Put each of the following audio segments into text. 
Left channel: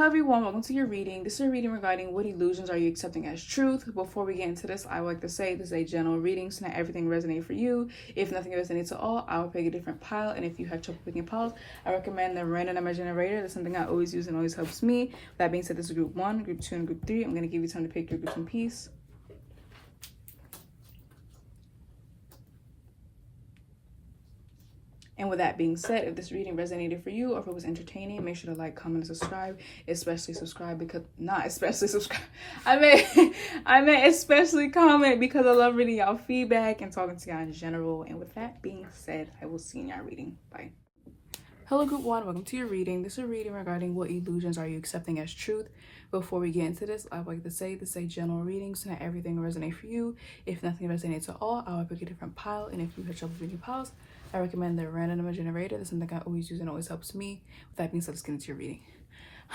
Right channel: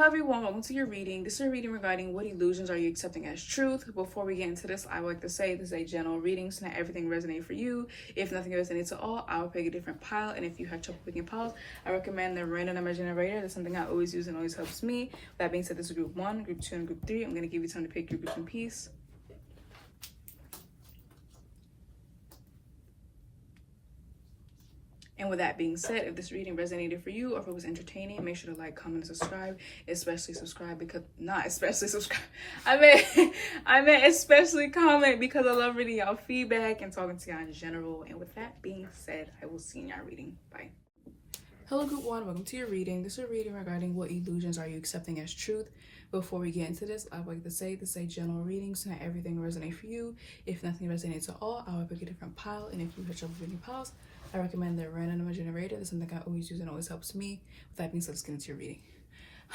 Hi everyone, welcome to your reading. This is a reading regarding what illusions are you accepting as truth. Before we get into this, I would like to say this is a general reading, so not everything resonates for you. If nothing resonates at all, I will pick a different pile, and if you have trouble picking piles, I recommend the random number generator. That's something I always use and always helps me. That being said, this is group 1, group 2, and group 3. I'm going to give you time to pick your groups in peace. And with that being said, if this reading resonated for you or if it was entertaining, make sure to like, comment, and subscribe. Especially subscribe because, not especially subscribe. I meant especially comment because I love reading y'all feedback and talking to y'all in general. And with that being said, I will see you in y'all reading. Bye. Hello group 1, welcome to your reading. This is a reading regarding what illusions are you accepting as truth. Before we get into this, I would like to say this is a general reading, so not everything will resonate for you. If nothing resonates at all, I will pick a different pile, and if you have trouble picking piles, I recommend the random number generator. That's something I always use and always helps me. With that being said, let's get into your reading.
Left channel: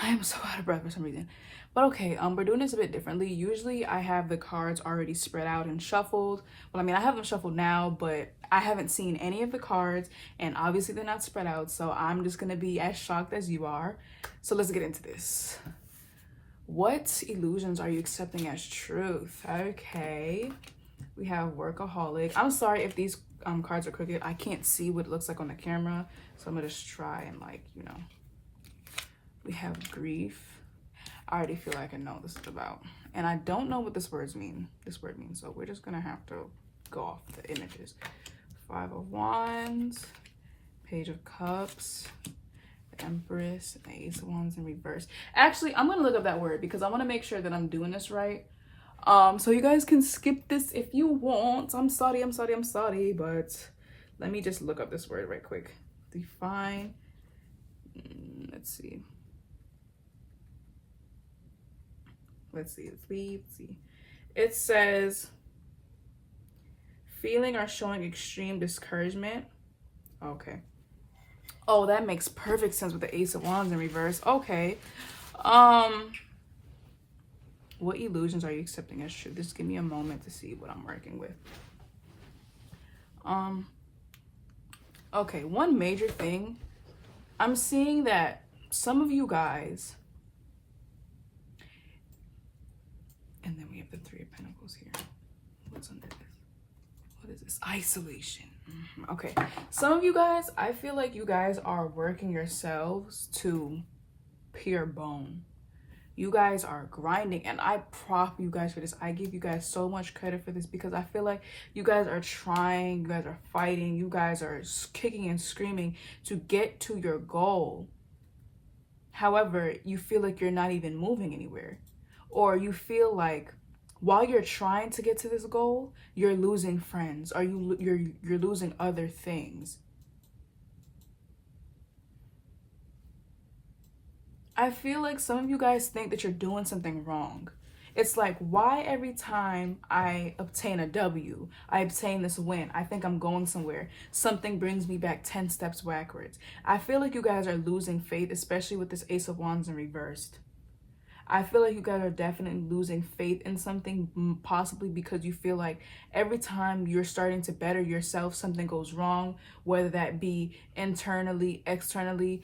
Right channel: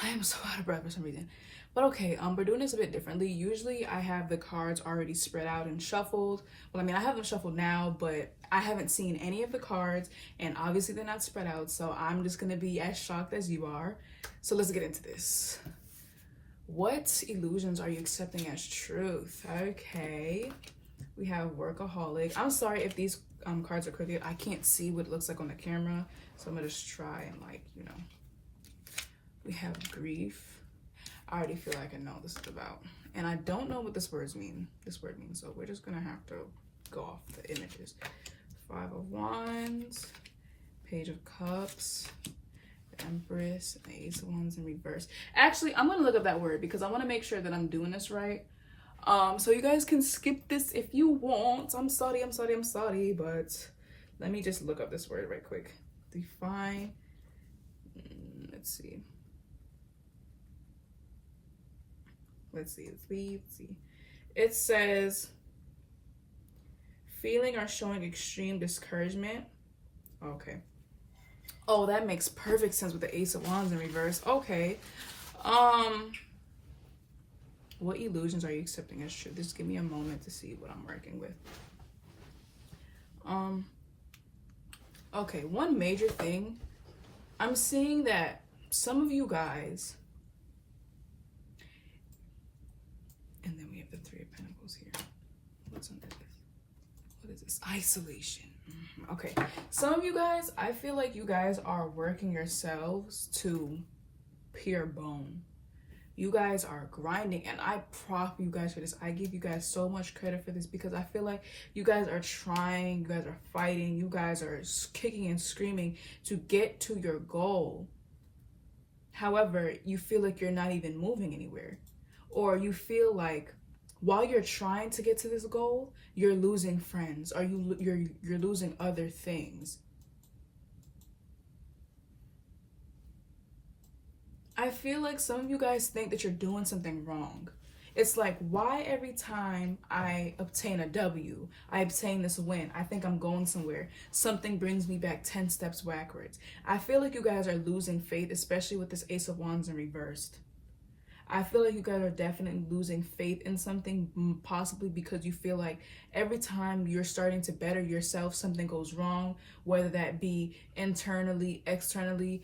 I am so out of breath for some reason. But okay, we're doing this a bit differently. Usually I have the cards already spread out and shuffled. Well, I mean, I have them shuffled now, but I haven't seen any of the cards, and obviously they're not spread out, so I'm just gonna be as shocked as you are. So let's get into this. What illusions are you accepting as truth? Okay, we have workaholic. I'm sorry if these cards are crooked. I can't see what it looks like on the camera, so I'm gonna just try and we have grief. I already feel like I know what this is about, and I don't know what this word means, so we're just gonna have to go off the images. 5 of Wands, Page of Cups, the Empress, and Ace of Wands in reverse. Actually, I'm gonna look up that word because I want to make sure that I'm doing this right. So you guys can skip this if you want. I'm sorry, but let me just look up this word right quick. Define. Let's see. It says feeling or showing extreme discouragement. Okay. Oh, that makes perfect sense with the Ace of Wands in reverse. Okay. What illusions are you accepting as true? Just give me a moment to see what I'm working with. Okay, one major thing. I'm seeing that some of you guys, and then we have the 3 of Pentacles here. What's under this? What is this? Isolation. Okay, some of you guys, I feel like you guys are working yourselves to pure bone. You guys are grinding, and I prop you guys for this. I give you guys so much credit for this because I feel like you guys are trying, you guys are fighting, you guys are kicking and screaming to get to your goal. However, you feel like you're not even moving anywhere, or you feel like while you're trying to get to this goal, you're losing friends, or you're losing other things. I feel like some of you guys think that you're doing something wrong. It's like, why every time I obtain a W, I obtain this win, I think I'm going somewhere, something brings me back 10 steps backwards. I feel like you guys are losing faith, especially with this Ace of Wands in reversed. I feel like you guys are definitely losing faith in something, possibly because you feel like every time you're starting to better yourself, something goes wrong, whether that be internally, externally,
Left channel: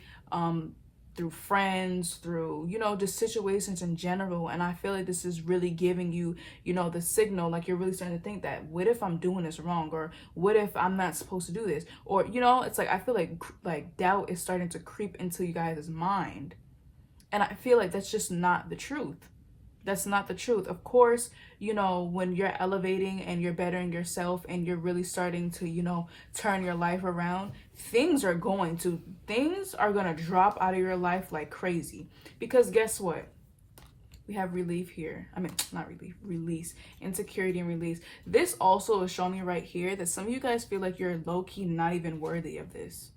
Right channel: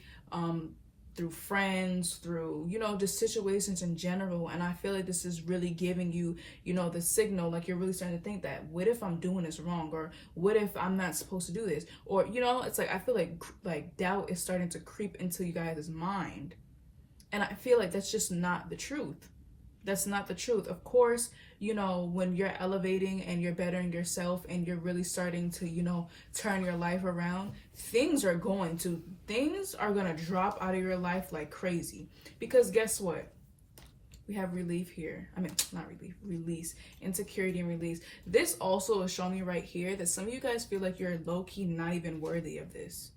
through friends, through, just situations in general. And I feel like this is really giving you, the signal, like you're really starting to think that, what if I'm doing this wrong? Or what if I'm not supposed to do this? Or, it's like, I feel like doubt is starting to creep into you guys' mind. And I feel like that's just not the truth. That's not the truth. Of course, when you're elevating and you're bettering yourself and you're really starting to, turn your life around, things are going to drop out of your life like crazy. Because guess what? We have relief here. I mean, not relief, release, insecurity and release. This also is showing me right here that some of you guys feel like you're low-key not even worthy of this.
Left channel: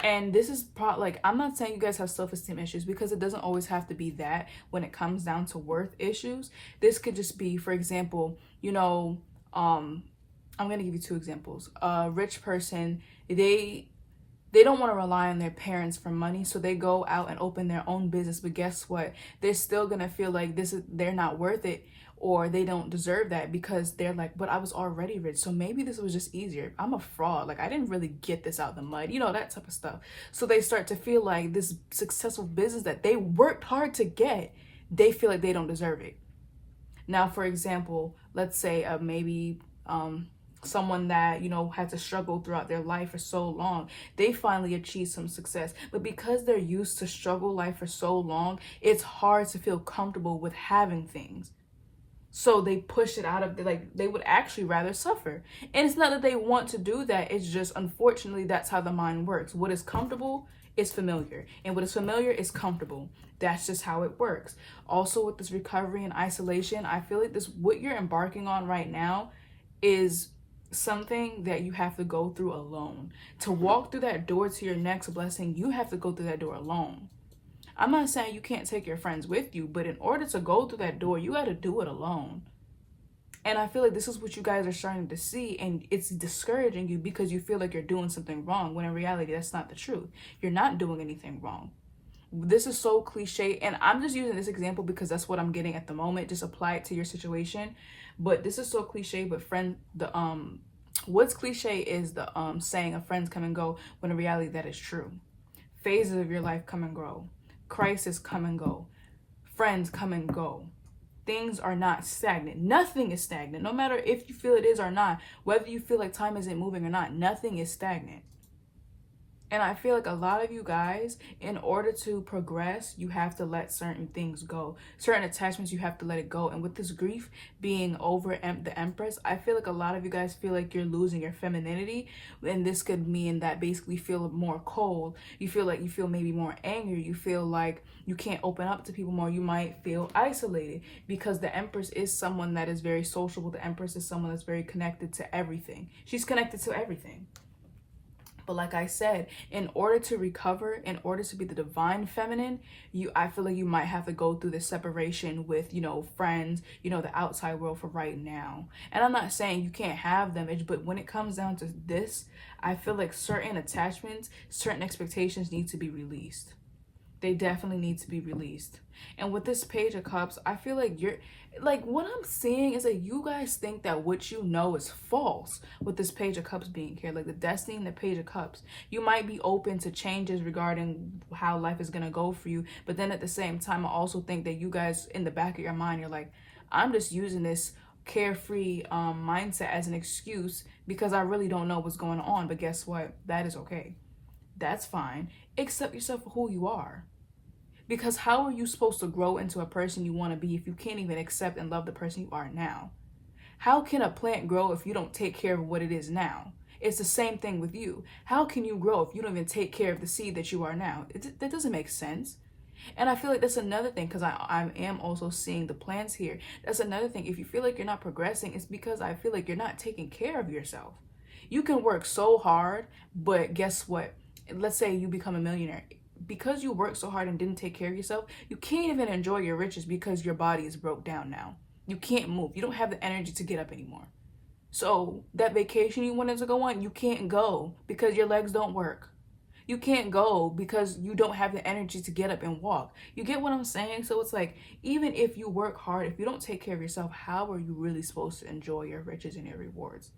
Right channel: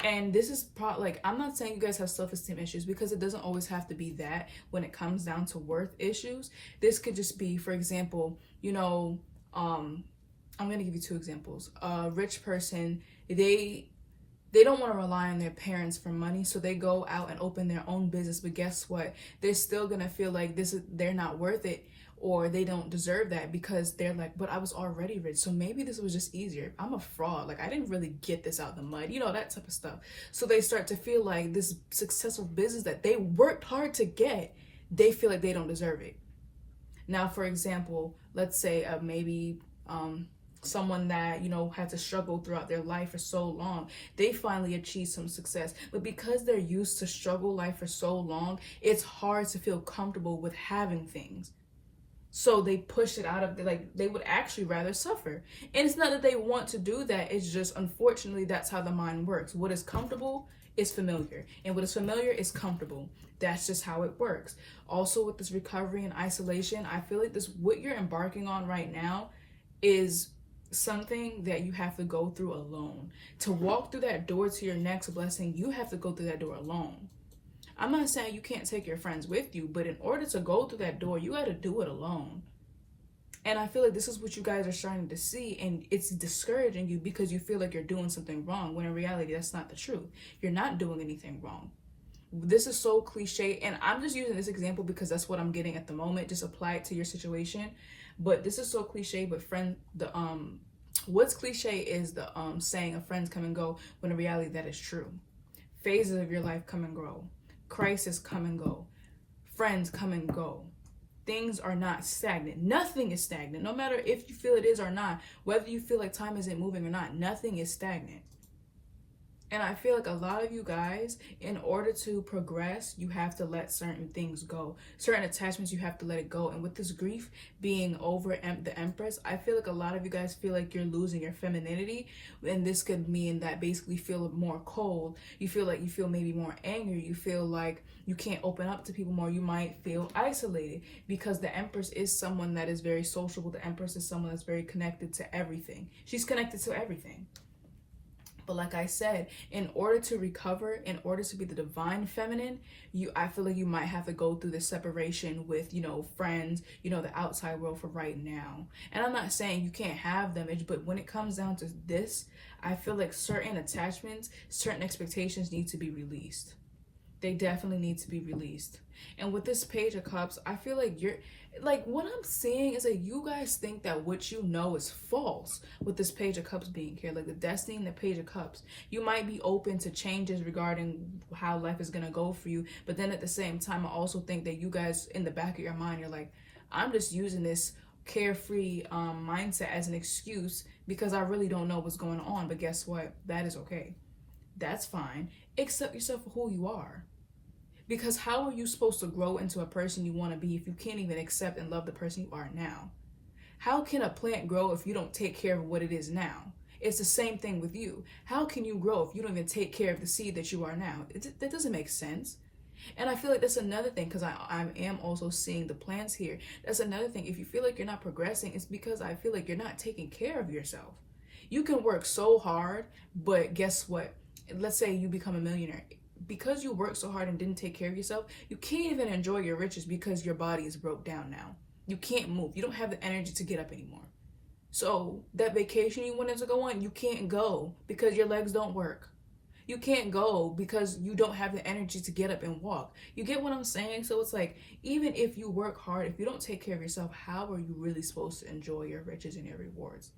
And this is I'm not saying you guys have self-esteem issues, because it doesn't always have to be that when it comes down to worth issues. This could just be, for example, I'm going to give you 2 examples. A rich person, they They don't want to rely on their parents for money, so they go out and open their own business. But guess what? They're still gonna feel like they're not worth it, or they don't deserve that, because they're like, but I was already rich, so maybe this was just easier. I'm a fraud. Like, I didn't really get this out the mud, that type of stuff. So they start to feel like this successful business that they worked hard to get, they feel like they don't deserve it. Now, for example, let's say maybe someone that had to struggle throughout their life for so long, they finally achieve some success, but because they're used to struggle life for so long, it's hard to feel comfortable with having things. So they push it out of they would actually rather suffer. And it's not that they want to do that, it's just unfortunately that's how the mind works. What is comfortable is familiar, and what is familiar is comfortable. That's just how it works. Also, with this recovery and isolation, I feel like what you're embarking on right now is something that you have to go through alone. To walk through that door to your next blessing, you have to go through that door alone. I'm not saying you can't take your friends with you, but in order to go through that door, you got to do it alone. And I feel like this is what you guys are starting to see, and it's discouraging you because you feel like you're doing something wrong, when in reality, that's not the truth. You're not doing anything wrong. This is so cliche, and I'm just using this example because that's what I'm getting at the moment. Just apply it to your situation. But this is so cliche, but what's cliche is the saying, a friends come and go, when in reality that is true. Phases of your life come and go. Crisis come and go. Friends come and go. Things are not stagnant. Nothing is stagnant. No matter if you feel it is or not, whether you feel like time isn't moving or not, nothing is stagnant. And I feel like a lot of you guys, in order to progress, you have to let certain things go. Certain attachments, you have to let it go. And with this grief being over the Empress, I feel like a lot of you guys feel like you're losing your femininity. And this could mean that basically you feel more cold. You feel maybe more angry. You feel like you can't open up to people more. You might feel isolated because the Empress is someone that is very sociable. The Empress is someone that's very connected to everything. She's connected to everything. But like I said, in order to recover, in order to be the divine feminine, I feel like you might have to go through the separation with, friends, the outside world for right now. And I'm not saying you can't have them, but when it comes down to this, I feel like certain attachments, certain expectations need to be released. They definitely need to be released. And with this Page of Cups, I feel like what I'm seeing is that you guys think that what you know is false with this Page of Cups being here, like the Destiny and the Page of Cups. You might be open to changes regarding how life is going to go for you, but then at the same time, I also think that you guys, in the back of your mind, you're like, I'm just using this carefree mindset as an excuse because I really don't know what's going on. But guess what? That is okay. That's fine. Accept yourself for who you are. Because how are you supposed to grow into a person you want to be if you can't even accept and love the person you are now? How can a plant grow if you don't take care of what it is now? It's the same thing with you. How can you grow if you don't even take care of the seed that you are now? That doesn't make sense. And I feel like that's another thing, because I am also seeing the plants here. That's another thing. If you feel like you're not progressing, it's because I feel like you're not taking care of yourself. You can work so hard, but guess what? Let's say you become a millionaire. Because you worked so hard and didn't take care of yourself, you can't even enjoy your riches because your body is broke down now. You can't move. You don't have the energy to get up anymore. So that vacation you wanted to go on, you can't go because your legs don't work. You can't go because you don't have the energy to get up and walk. You get what I'm saying? So it's like, even if you work hard, if you don't take care of yourself, how are you really supposed to enjoy your riches and your rewards?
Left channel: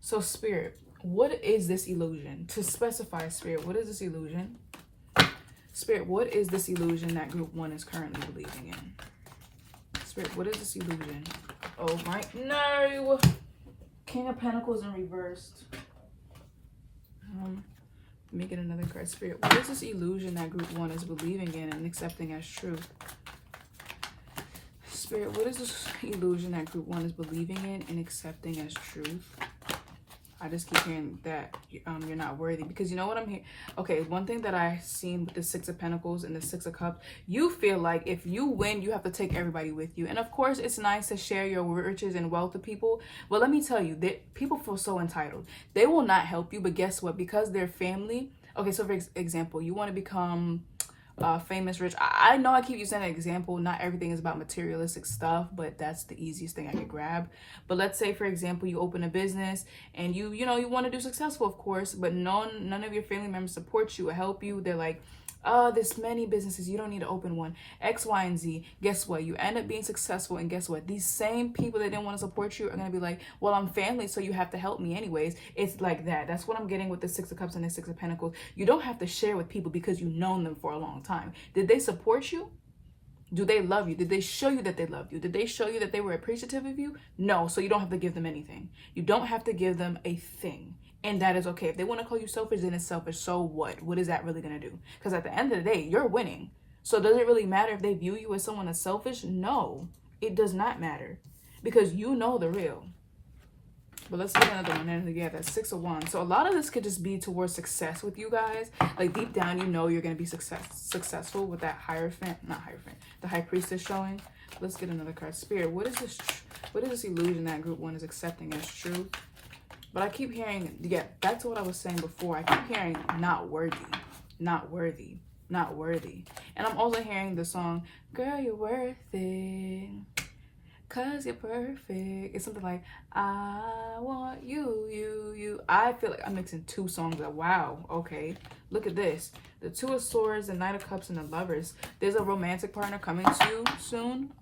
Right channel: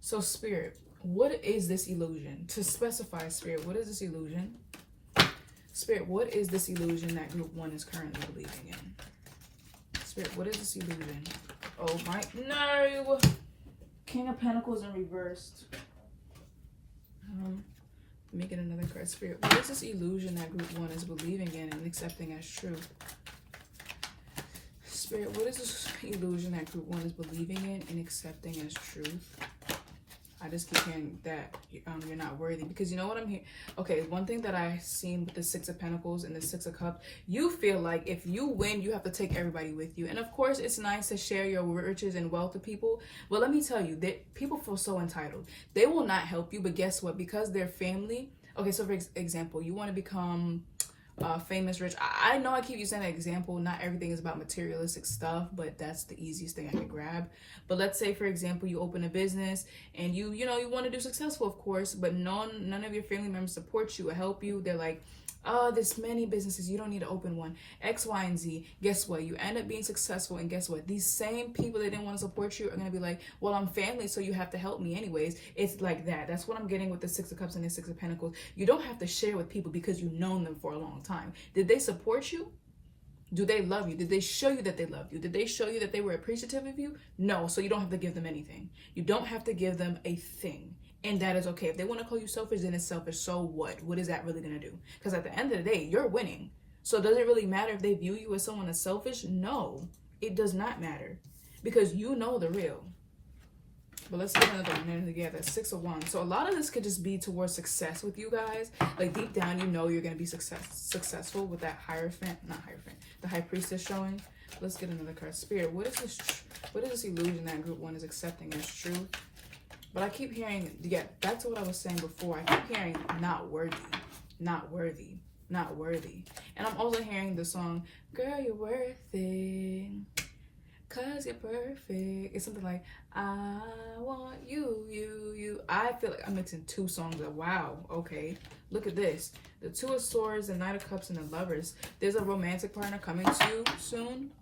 So Spirit, what is this illusion? To specify, Spirit, what is this illusion? Spirit, what is this illusion that Group 1 is currently believing in? Spirit, what is this illusion? Oh my, no! King of Pentacles in reversed. Let me get another card. Spirit, what is this illusion that Group 1 is believing in and accepting as true? Spirit, what is this illusion that Group 1 is believing in and accepting as truth? I just keep hearing that you're not worthy, because you know what I'm hearing? Okay, one thing that I seen with the Six of Pentacles and the Six of Cups, you feel like if you win, you have to take everybody with you. And of course, it's nice to share your riches and wealth with people. But let me tell you, that people feel so entitled. They will not help you, but guess what? Because they're family. Okay, so for example, you want to become famous, rich. I know I keep using that example. Not everything is about materialistic stuff, but that's the easiest thing I could grab. But let's say, for example, you open a business and you want to do successful, of course, but none of your family members support you or help you. They're like, oh, there's many businesses, you don't need to open one, X, Y, and Z. Guess what? You end up being successful, and guess what? These same people that didn't want to support you are going to be like, well, I'm family, so you have to help me anyways. It's like that. That's what I'm getting with the Six of Cups and the Six of Pentacles. You don't have to share with people because you've known them for a long time. Did they support you? Do they love you? Did they show you that they loved you? Did they show you that they were appreciative of you? No, so you don't have to give them anything. You don't have to give them a thing. And that is okay. If they want to call you selfish, then it's selfish. So what? What is that really going to do? Because at the end of the day, you're winning. So does it really matter if they view you as someone that's selfish? No, it does not matter. Because you know the real. But let's get another one in together. Six of Wands. So a lot of this could just be towards success with you guys. Like deep down, you know you're going to be successful with that the High Priestess showing. Let's get another card. Spirit, what is this illusion that group one is accepting as true? But I keep hearing, yeah, that's what I was saying before. I keep hearing not worthy, not worthy, not worthy. And I'm also hearing the song, girl, you're worth it, 'cause you're perfect. It's something like, I want you. I feel like I'm mixing two songs. Wow, okay. Look at this. The Two of Swords, the Knight of Cups, and the Lovers. There's a romantic partner coming to you soon.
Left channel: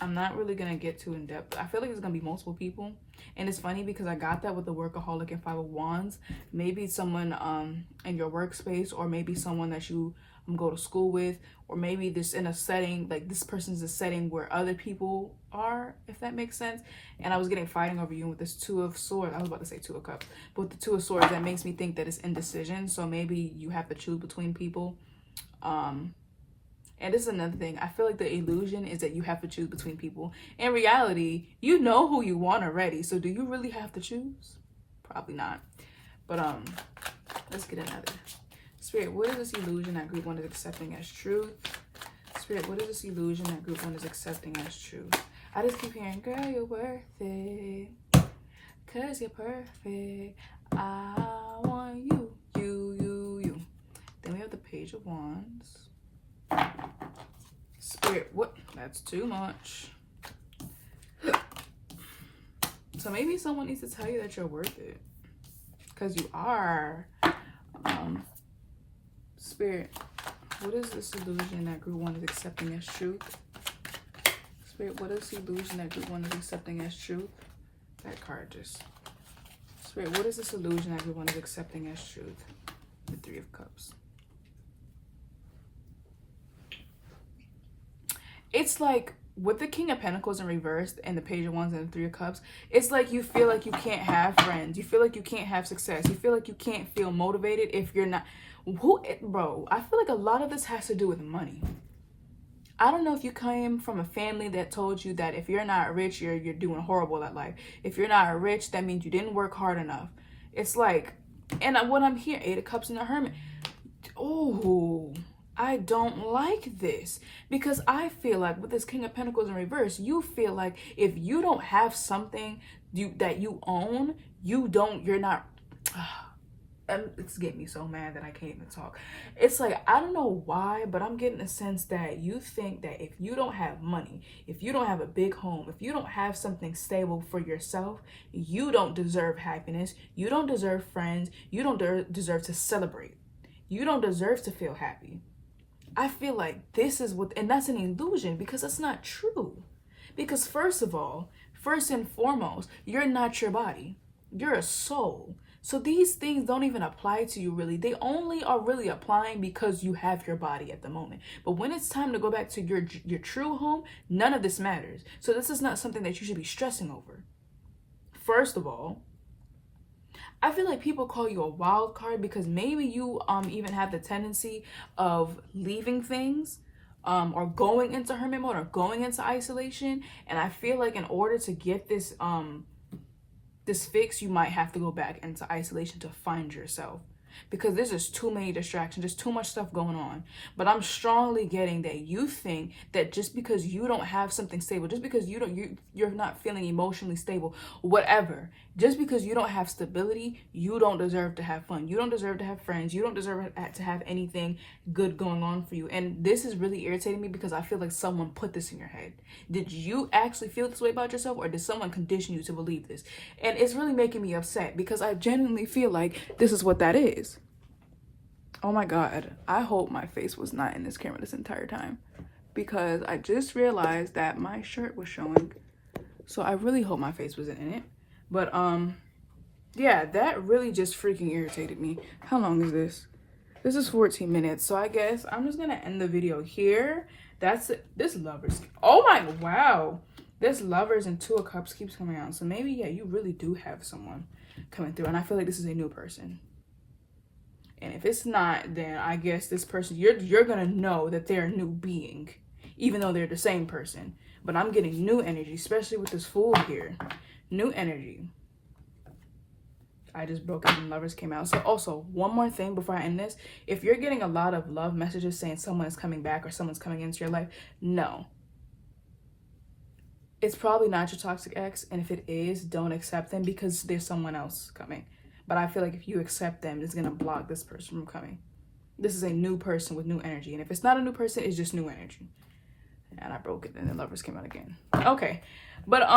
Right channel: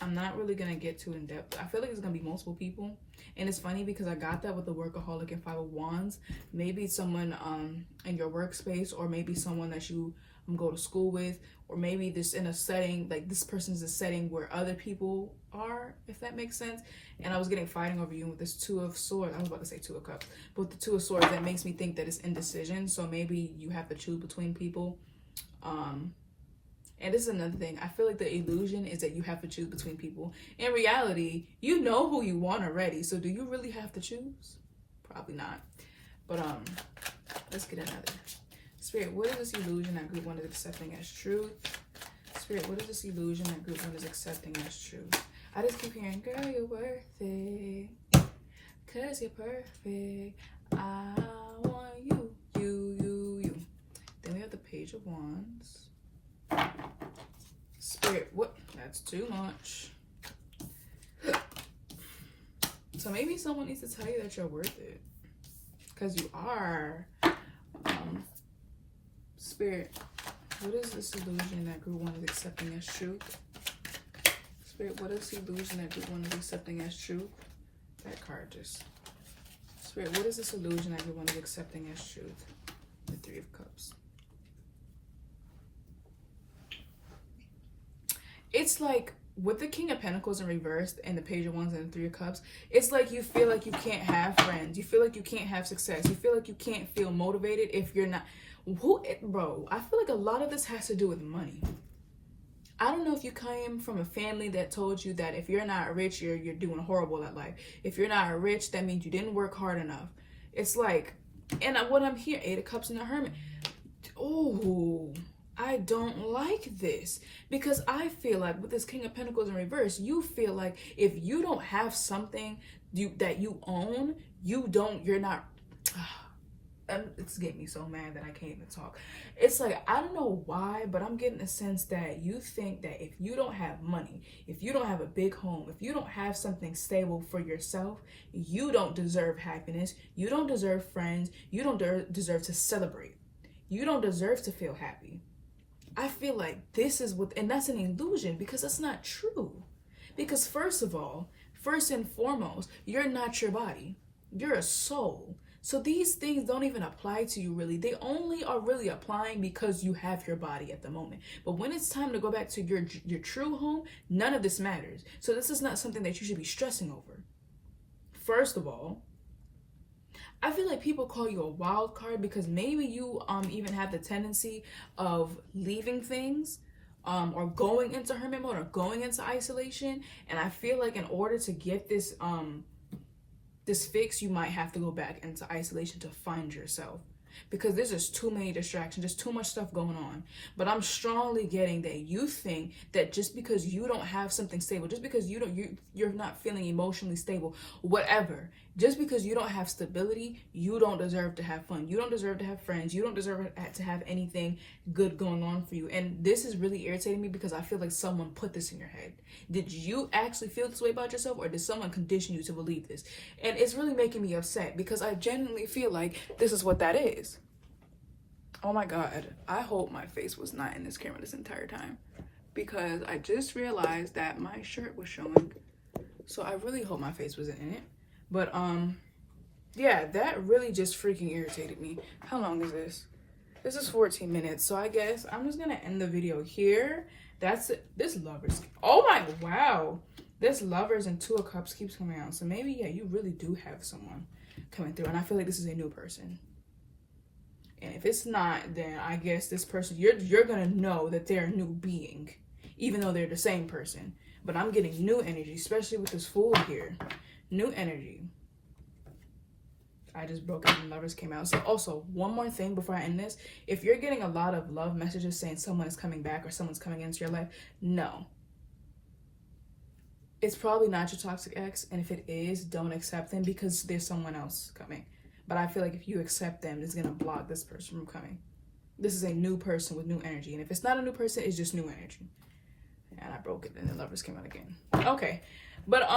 I'm not really going to get too in depth. I feel like it's going to be multiple people. And it's funny because I got that with the Workaholic and Five of Wands. Maybe someone in your workspace, or maybe someone that you go to school with, or maybe this in a setting, like this person's a setting where other people are, if that makes sense. And I was getting fighting over you with this Two of Swords. I was about to say Two of Cups. But with the Two of Swords, that makes me think that it's indecision. So maybe you have to choose between people. And this is another thing. I feel like the illusion is that you have to choose between people. In reality, you know who you want already. So do you really have to choose? Probably not. But let's get another. Spirit, what is this illusion that group one is accepting as truth? Spirit, what is this illusion that group one is accepting as truth? I just keep hearing, girl, you're worth it, 'cause you're perfect. I want you. Then we have the Page of Wands. Spirit, what? That's too much. So maybe someone needs to tell you that you're worth it, because you are. Spirit, what is this illusion that group one is accepting as truth? Spirit, what is the illusion that group one is accepting as truth? That card just. Spirit, what is this illusion that group one is accepting as truth? The Three of Cups. It's like with the King of Pentacles in reverse and the Page of Wands and the Three of Cups, it's like you feel like you can't have friends. You feel like you can't have success. You feel like you can't feel motivated if you're not. Bro, I feel like a lot of this has to do with money. I don't know if you came from a family that told you that if you're not rich, you're doing horrible at life. If you're not rich, that means you didn't work hard enough. It's like, and what I'm hearing, Eight of Cups and the Hermit. Oh, I don't like this, because I feel like with this King of Pentacles in reverse, you feel like if you don't have something that you own, you're not. And it's getting me so mad that I can't even talk. It's like, I don't know why, but I'm getting a sense that you think that if you don't have money, if you don't have a big home, if you don't have something stable for yourself, you don't deserve happiness. You don't deserve friends. You don't deserve to celebrate. You don't deserve to feel happy. I feel like this is and that's an illusion, because it's not true. Because first and foremost, you're not your body. You're a soul. So these things don't even apply to you really. They only are really applying because you have your body at the moment. But when it's time to go back to your true home, none of this matters. So this is not something that you should be stressing over. First of all, I feel like people call you a wild card because maybe you even have the tendency of leaving things or going into hermit mode or going into isolation. And I feel like in order to get this fix, you might have to go back into isolation to find yourself. because there's just too many distractions, just too much stuff going on. But I'm strongly getting that you think that just because you don't have something stable, just because you're not feeling emotionally stable, whatever, just because you don't have stability, you don't deserve to have fun. You don't deserve to have friends. You don't deserve to have anything good going on for you. And this is really irritating me because I feel like someone put this in your head. Did you actually feel this way about yourself, or did someone condition you to believe this? And it's really making me upset because I genuinely feel like this is what that is. Oh my God. I hope my face was not in this camera this entire time, because I just realized that my shirt was showing. So I really hope my face wasn't in it. But yeah, that really just freaking irritated me. How long is this? This is 14 minutes. So I guess I'm just gonna end the video here. That's it. This lovers. Oh my, wow. This lovers and 2 of cups keeps coming out. So maybe, yeah, you really do have someone coming through. And I feel like this is a new person. And if it's not, then I guess this person, you're gonna know that they're a new being, even though they're the same person. But I'm getting new energy, especially with this Fool here. New energy. I just broke it and lovers came out. So also, one more thing before I end this. If you're getting a lot of love messages saying someone is coming back or someone's coming into your life, no. It's probably not your toxic ex. And if it is, don't accept them because there's someone else coming. But I feel like if you accept them, it's going to block this person from coming. This is a new person with new energy. And if it's not a new person, it's just new energy. And I broke it and the lovers came out again. Okay. But,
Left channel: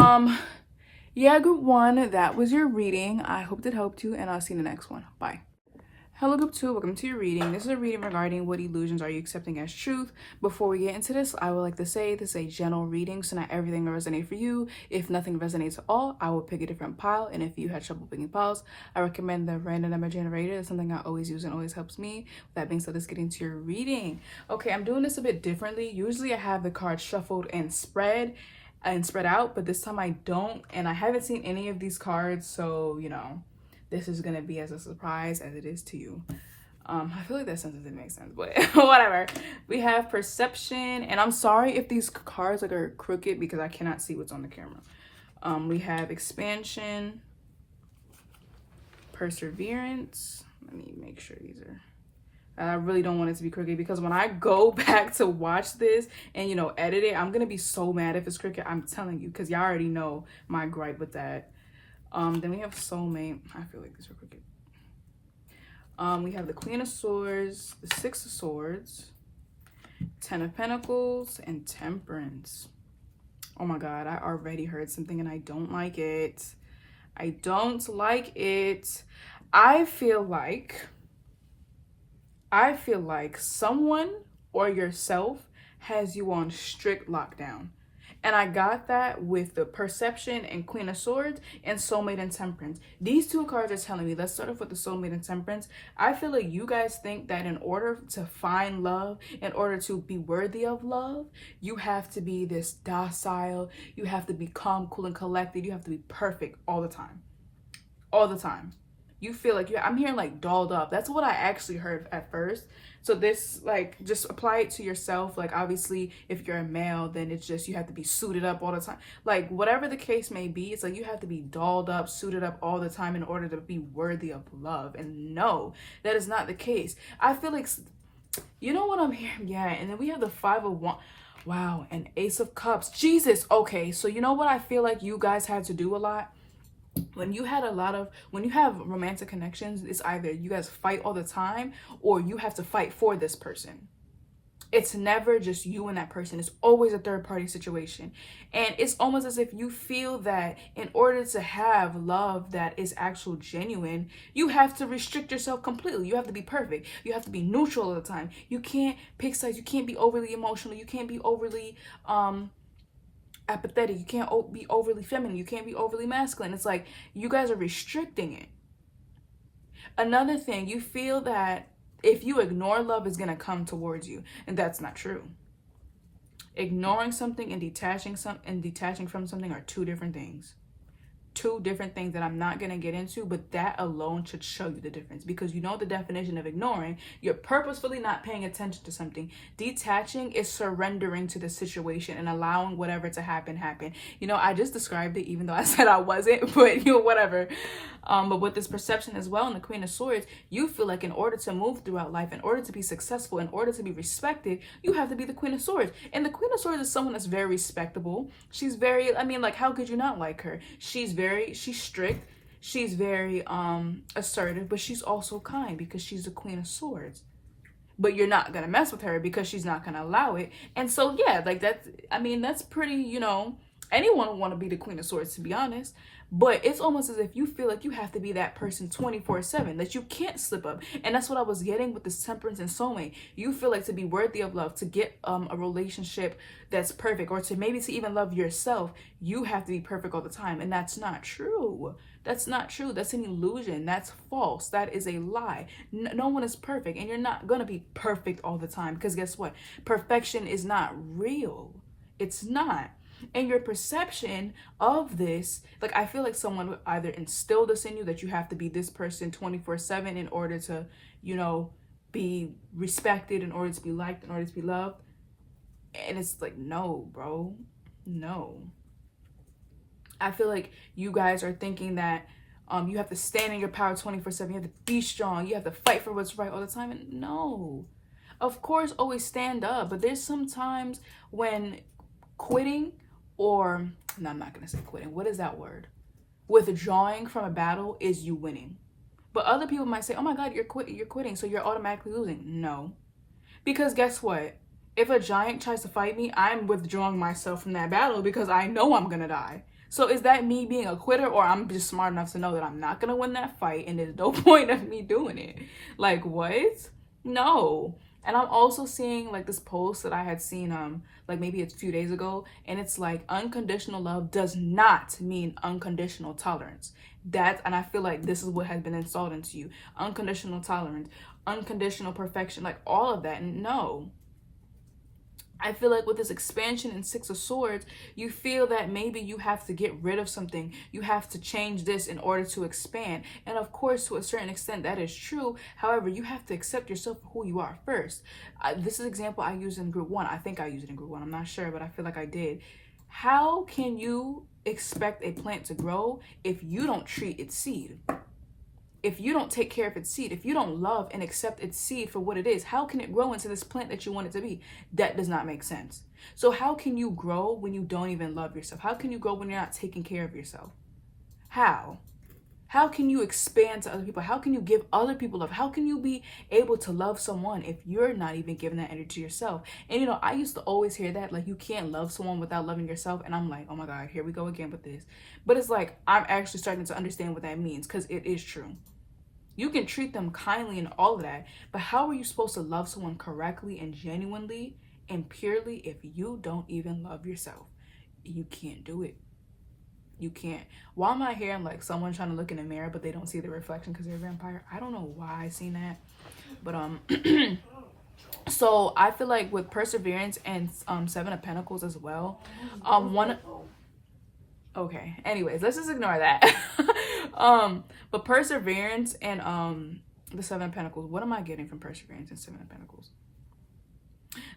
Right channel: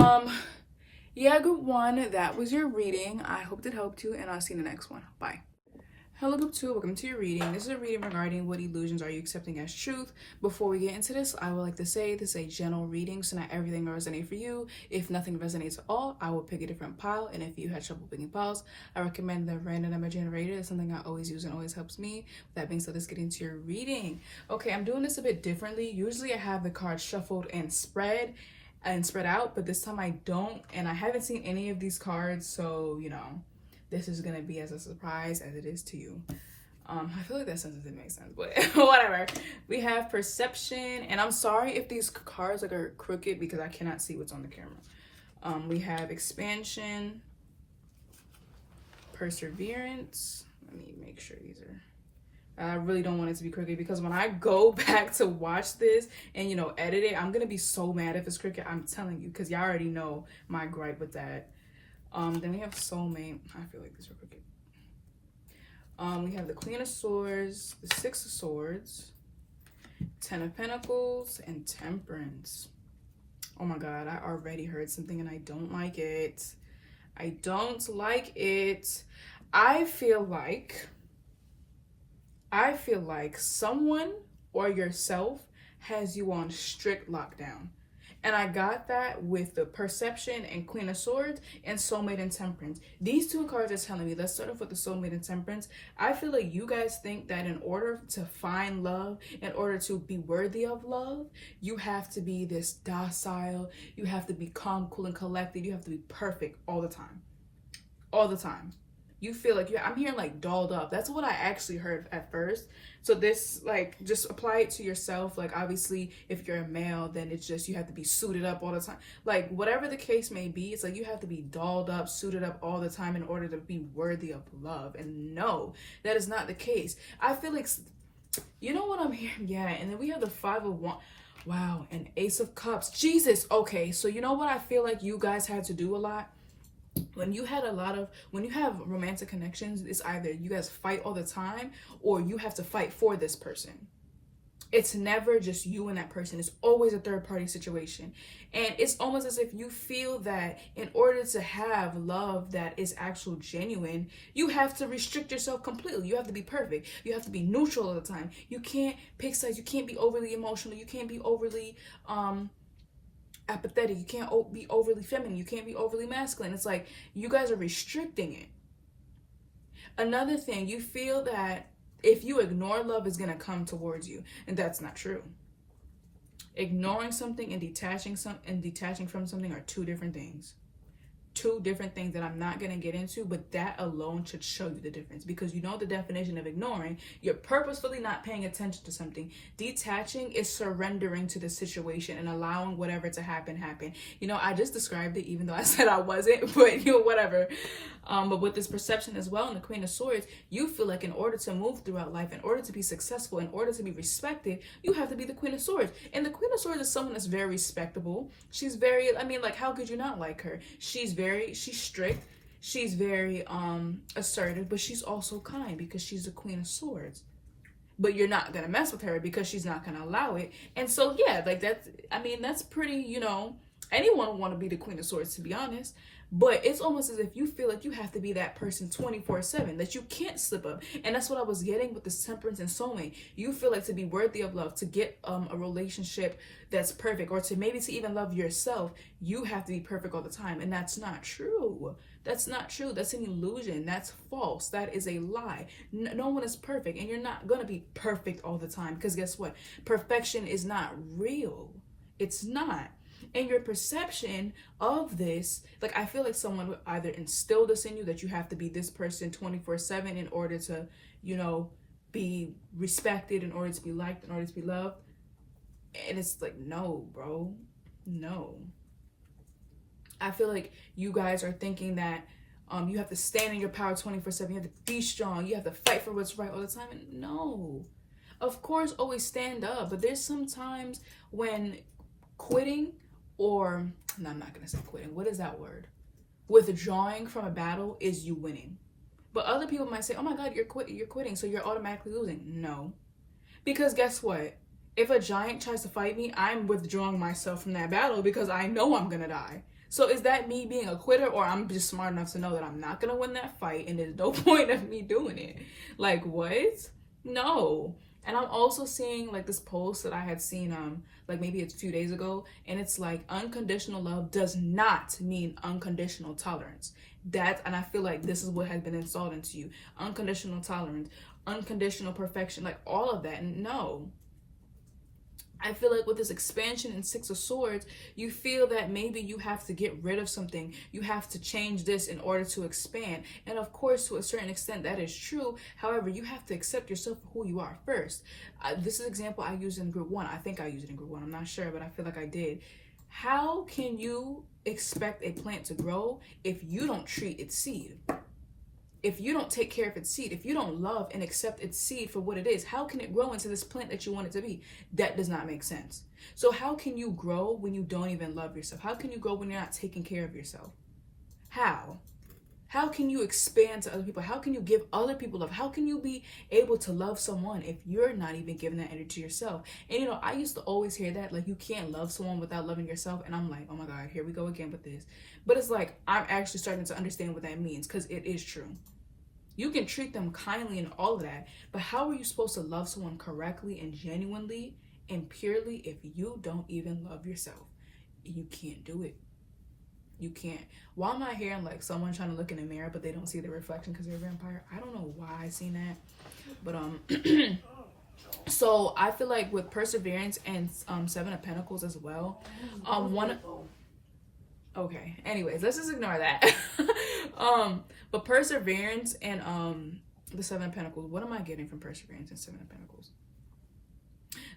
yeah, group 1, that was your reading. I hope it helped you, and I'll see you in the next one. Bye. Hello, group 2. Welcome to your reading. This is a reading regarding what illusions are you accepting as truth. Before we get into this, I would like to say this is a general reading, so not everything will resonate for you. If nothing resonates at all, I will pick a different pile, and if you had trouble picking piles, I recommend the random number generator. It's something I always use and always helps me. With that being said, let's get into your reading. Okay, I'm doing this a bit differently. Usually I have the cards shuffled and spread out, but this time I don't, and I haven't seen any of these cards, so you know, this is gonna be as a surprise as it is to you. I feel like that sentence didn't make sense, but whatever. We have perception, and I'm sorry if these cards are crooked because I cannot see what's on the camera. We have expansion, perseverance. Let me make sure these are. And I really don't want it to be crooked because when I go back to watch this and, you know, edit it, I'm going to be so mad if it's crooked. I'm telling you, because y'all already know my gripe with that. Then we have soulmate. I feel like these are crooked. We have the Queen of Swords, the 6 of Swords, 10 of Pentacles, and Temperance. Oh my God, I already heard something and I don't like it. I don't like it. I feel like someone or yourself has you on strict lockdown. And I got that with the Perception and Queen of Swords and Soulmate and Temperance. These 2 cards are telling me, let's start off with the Soulmate and Temperance. I feel like you guys think that in order to find love, in order to be worthy of love, you have to be this docile, you have to be calm, cool, and collected, you have to be perfect all the time. All the time. You feel like I'm hearing like dolled up. That's what I actually heard at first. So this, like, just apply it to yourself. Like, obviously, if you're a male, then it's just you have to be suited up all the time. Like, whatever the case may be, it's like you have to be dolled up, suited up all the time in order to be worthy of love. And no, that is not the case. I feel like, you know what I'm hearing? Yeah, and then we have the 5 of Wands. Wow, and Ace of Cups. Jesus. Okay, so you know what I feel like you guys had to do a lot? When you have romantic connections, it's either you guys fight all the time or you have to fight for this person. It's never just you and that person. It's always a third party situation. And it's almost as if you feel that in order to have love that is actual genuine, you have to restrict yourself completely. You have to be perfect. You have to be neutral all the time. You can't pick sides. You can't be overly emotional. You can't be overly apathetic. You can't be overly feminine. You can't be overly masculine. It's like you guys are restricting it. Another thing, you feel that if you ignore love, it's going to come towards you, and that's not true. Ignoring something and detaching from something are 2 different things. two different things that I'm not going to get into, but that alone should show you the difference, because you know the definition of ignoring. You're purposefully not paying attention to something. Detaching is surrendering to the situation and allowing whatever to happen. You know, I just described it, even though I said I wasn't, but you know, whatever. But with this perception as well, in the Queen of Swords, you feel like in order to move throughout life, in order to be successful, in order to be respected, you have to be the Queen of Swords. And the Queen of Swords is someone that's very respectable. She's very, I mean, like, how could you not like her? She's strict. She's very assertive, but she's also kind because she's the Queen of Swords. But you're not gonna mess with her because she's not gonna allow it. And so yeah, like that's pretty, you know, anyone would want to be the Queen of Swords, to be honest. But it's almost as if you feel like you have to be that person 24/7, that you can't slip up. And that's what I was getting with this Temperance and Soulmate. You feel like to be worthy of love, to get a relationship that's perfect, or to maybe to even love yourself, you have to be perfect all the time. And that's not true. That's not true. That's an illusion. That's false. That is a lie. No one is perfect, and you're not going to be perfect all the time, because guess what? Perfection is not real. It's not. And your perception of this, like, I feel like someone would either instill this in you, that you have to be this person 24/7 in order to, you know, be respected, in order to be liked, in order to be loved. And it's like, no, bro, no. I feel like you guys are thinking that you have to stand in your power 24/7. You have to be strong. You have to fight for what's right all the time. And no, of course, always stand up. But there's some times when quitting, or no, I'm not gonna say quitting. What is that word? Withdrawing from a battle is you winning. But other people might say, "Oh my God, you're quitting, so you're automatically losing." No, because guess what? If a giant tries to fight me, I'm withdrawing myself from that battle because I know I'm gonna die. So is that me being a quitter, or I'm just smart enough to know that I'm not gonna win that fight and there's no point of me doing it? Like, what? No. And I'm also seeing like this post that I had seen like maybe it's a few days ago, and it's like, unconditional love does not mean unconditional tolerance. And I feel like this is what has been installed into you. Unconditional tolerance, unconditional perfection, like all of that. And no. I feel like with this expansion in Six of Swords, you feel that maybe you have to get rid of something. You have to change this in order to expand. And of course, to a certain extent, that is true. However, you have to accept yourself for who you are first. This is an example I used in group 1. I think I used it in group 1. I'm not sure, but I feel like I did. How can you expect a plant to grow if you don't treat its seed? If you don't take care of its seed, if you don't love and accept its seed for what it is, how can it grow into this plant that you want it to be? That does not make sense. So how can you grow when you don't even love yourself? How can you grow when you're not taking care of yourself? How? How can you expand to other people? How can you give other people love? How can you be able to love someone if you're not even giving that energy to yourself? And you know, I used to always hear that, like, you can't love someone without loving yourself. And I'm like, oh my God, here we go again with this. But it's like, I'm actually starting to understand what that means, because it is true. You can treat them kindly and all of that, but how are you supposed to love someone correctly and genuinely and purely if you don't even love yourself? You can't do it. You can't. Why am I hearing like someone trying to look in the mirror, but they don't see the reflection because they're a vampire? I don't know why I seen that. But so I feel like with Perseverance and Seven of Pentacles as well, okay, anyways, let's just ignore that. But Perseverance and the Seven of Pentacles, what am I getting from Perseverance and Seven of Pentacles?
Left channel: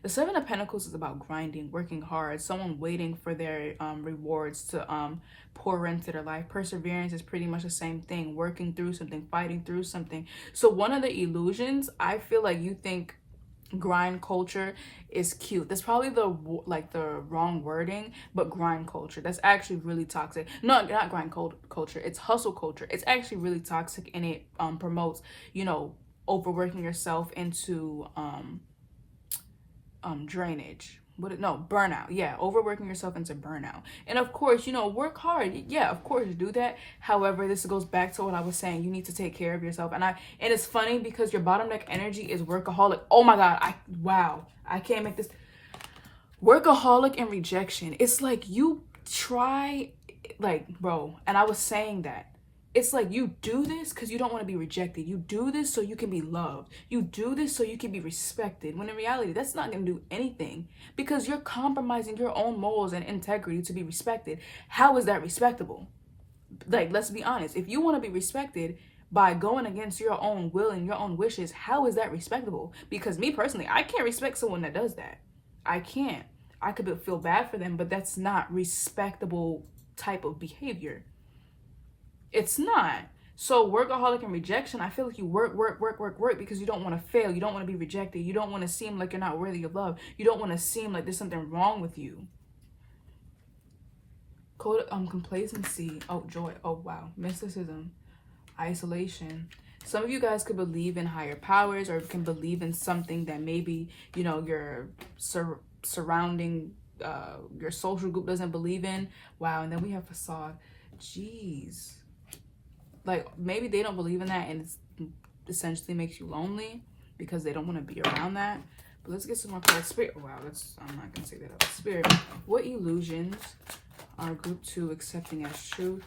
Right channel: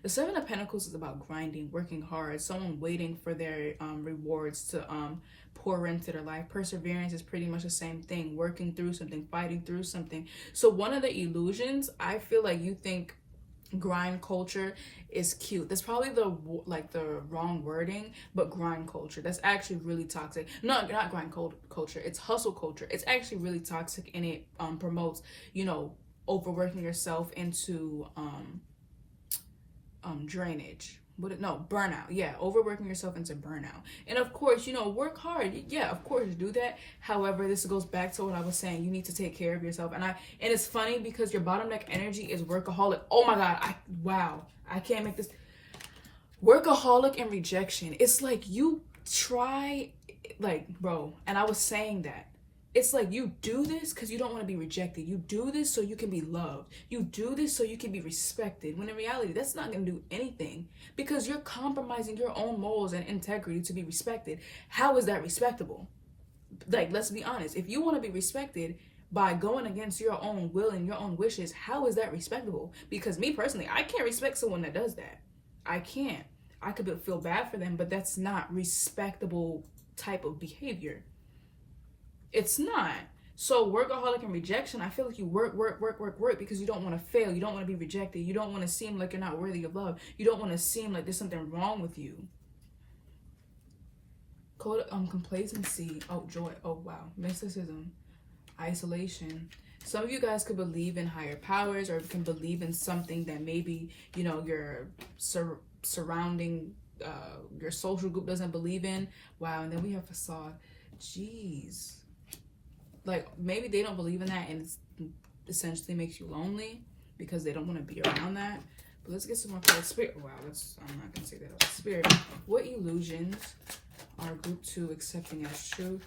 The Seven of Pentacles is about grinding, working hard, someone waiting for their rewards to pour into their life. Perseverance is pretty much the same thing, working through something, fighting through something. So one of the illusions, I feel like you think grind culture is cute. That's probably the wrong wording, but grind culture, that's actually really toxic. No, not grind culture, it's hustle culture. It's actually really toxic, and it promotes, you know, overworking yourself into drainage. Burnout. Yeah, overworking yourself into burnout. And of course, you know, work hard. Yeah, of course, do that. However, this goes back to what I was saying. You need to take care of yourself. And it's funny because your bottom deck energy is workaholic. Oh my God, I can't make this. Workaholic and rejection. It's like you try, like, bro, and I was saying that. It's like you do this because you don't want to be rejected. You do this so you can be loved. You do this so you can be respected. When in reality, that's not going to do anything, because you're compromising your own morals and integrity to be respected. How is that respectable? Like, let's be honest. If you want to be respected by going against your own will and your own wishes, how is that respectable? Because me personally, I can't respect someone that does that. I can't. I could feel bad for them, but that's not respectable type of behavior. It's not. So workaholic and rejection, I feel like you work because you don't want to fail. You don't want to be rejected. You don't want to seem like you're not worthy of love. You don't want to seem like there's something wrong with you. Complacency. Oh, joy. Oh, wow. Mysticism. Isolation. Some of you guys could believe in higher powers, or can believe in something that maybe, you know, your surrounding, your social group doesn't believe in. Wow. And then we have facade. Jeez. Like, maybe they don't believe in that, and it essentially makes you lonely because they don't want to be around that. But let's get some more cards. Spirit. Wow, I'm not going to say that. Spirit. What illusions are group 2 accepting as truth?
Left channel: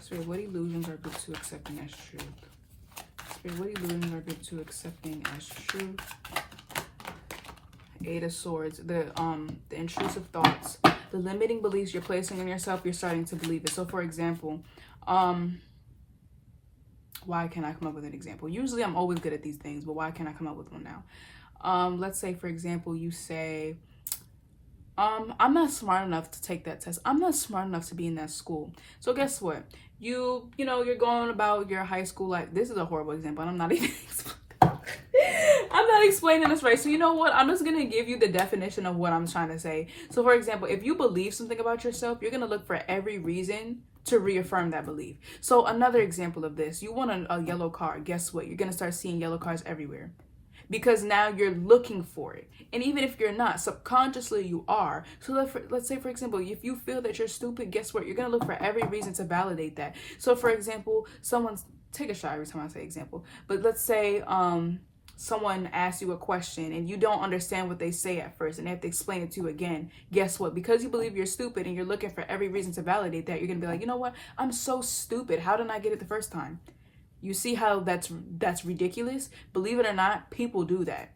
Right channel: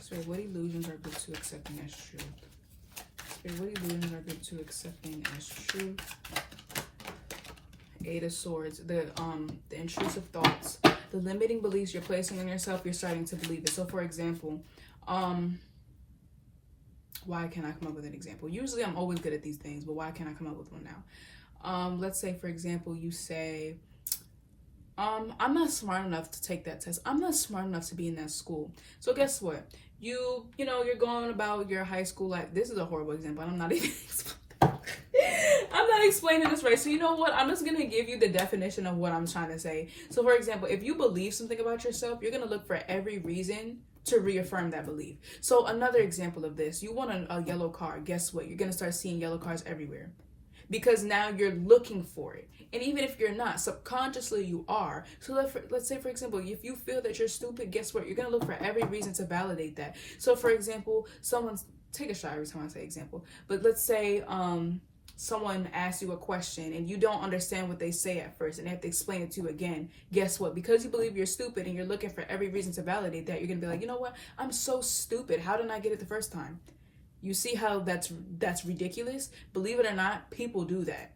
Spirit, what illusions are group 2 accepting as truth? Spirit, what illusions are group 2 accepting as truth? 8 of Swords. The intrusive thoughts. The limiting beliefs you're placing on yourself, you're starting to believe it. So, for example, why can't I come up with an example? Usually I'm always good at these things, but why can't I come up with one now? Let's say, for example, you say, I'm not smart enough to take that test. I'm not smart enough to be in that school. So guess what? You know, you're going about your high school life. This is a horrible example, and I'm not even I'm not explaining this right. So you know what? I'm just going to give you the definition of what I'm trying to say. So for example, if you believe something about yourself, you're going to look for every reason to reaffirm that belief. So another example of this, you want a yellow car. Guess what? You're going to start seeing yellow cars everywhere because now you're looking for it. And even if you're not, subconsciously you are. So let's say, for example, if you feel that you're stupid, guess what? You're going to look for every reason to validate that. So for example, take a shot every time I say example, but let's say, someone asks you a question and you don't understand what they say at first and they have to explain it to you again. Guess what? Because you believe you're stupid and you're looking for every reason to validate that, you're gonna be like, you know what? I'm so stupid. How didn't I get it the first time? You see how that's ridiculous? Believe it or not, people do that.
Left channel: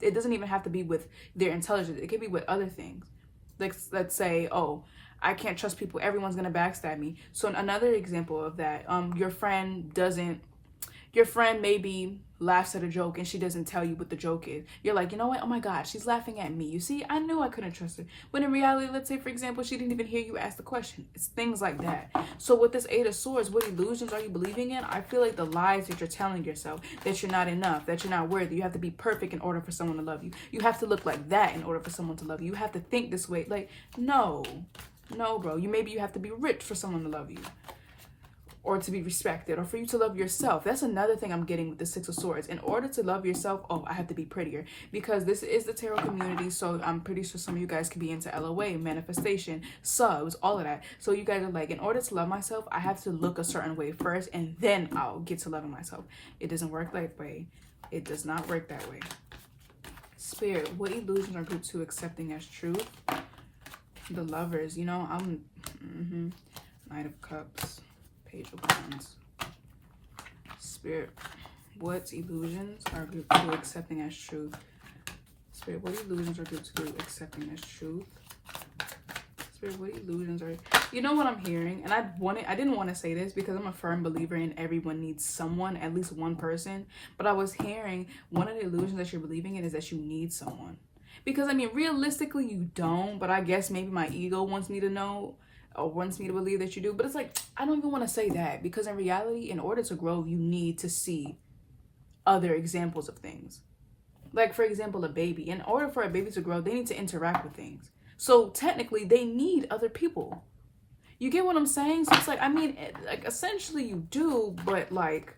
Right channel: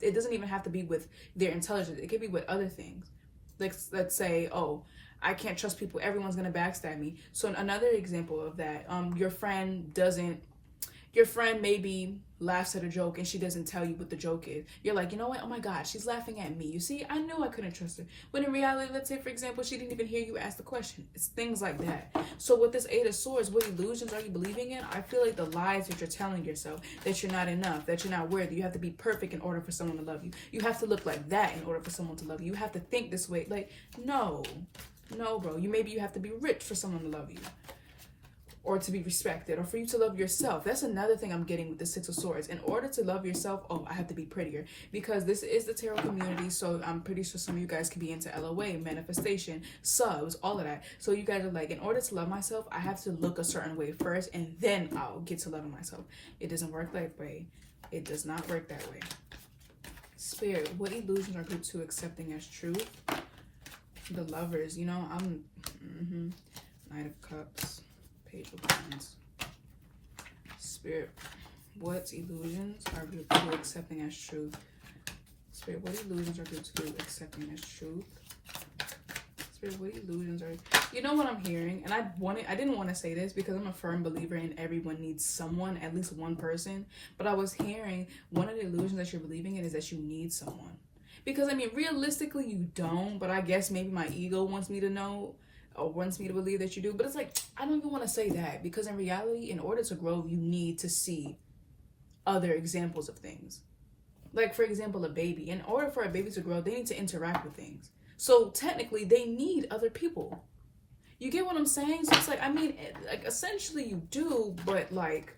It doesn't even have to be with their intelligence. It could be with other things. Like, let's say, oh, I can't trust people. Everyone's gonna backstab me. So another example of that, your friend maybe laughs at a joke and she doesn't tell you what the joke is. You're like, you know what? Oh my God, she's laughing at me. You see, I knew I couldn't trust her. But in reality, let's say, for example, she didn't even hear you ask the question. It's things like that. So with this 8 of Swords, what illusions are you believing in? I feel like the lies that you're telling yourself, that you're not enough, that you're not worthy. You have to be perfect in order for someone to love you. You have to look like that in order for someone to love you. You have to think this way. Like, no, bro. Maybe you have to be rich for someone to love you, or to be respected, or for you to love yourself. That's another thing I'm getting with the 6 of Swords. In order to love yourself, oh, I have to be prettier. Because this is the tarot community, so I'm pretty sure some of you guys can be into LOA, manifestation, subs, all of that. So you guys are like, in order to love myself, I have to look a certain way first, and then I'll get to loving myself. It doesn't work that way. It does not work that way. Spirit, what illusions are group 2 accepting as truth? The Lovers, you know, Knight of Cups. Page of Wands. Spirit, what illusions are group 2 accepting as truth? Spirit, what illusions are group 2 accepting as truth? Spirit, what illusions are... You know what I'm hearing? And I didn't want to say this because I'm a firm believer in everyone needs someone, at least one person. But I was hearing one of the illusions that you're believing in is that you need someone. Because, I mean, realistically, you don't. But I guess maybe my ego wants me to know, or wants me to believe that you do. But it's like, I don't even want to say that, because in reality, in order to grow, you need to see other examples of things. Like, for example, a baby. In order for a baby to grow, they need to interact with things. So technically, they need other people. You get what I'm saying? So it's like, I mean, like, essentially you do, but like,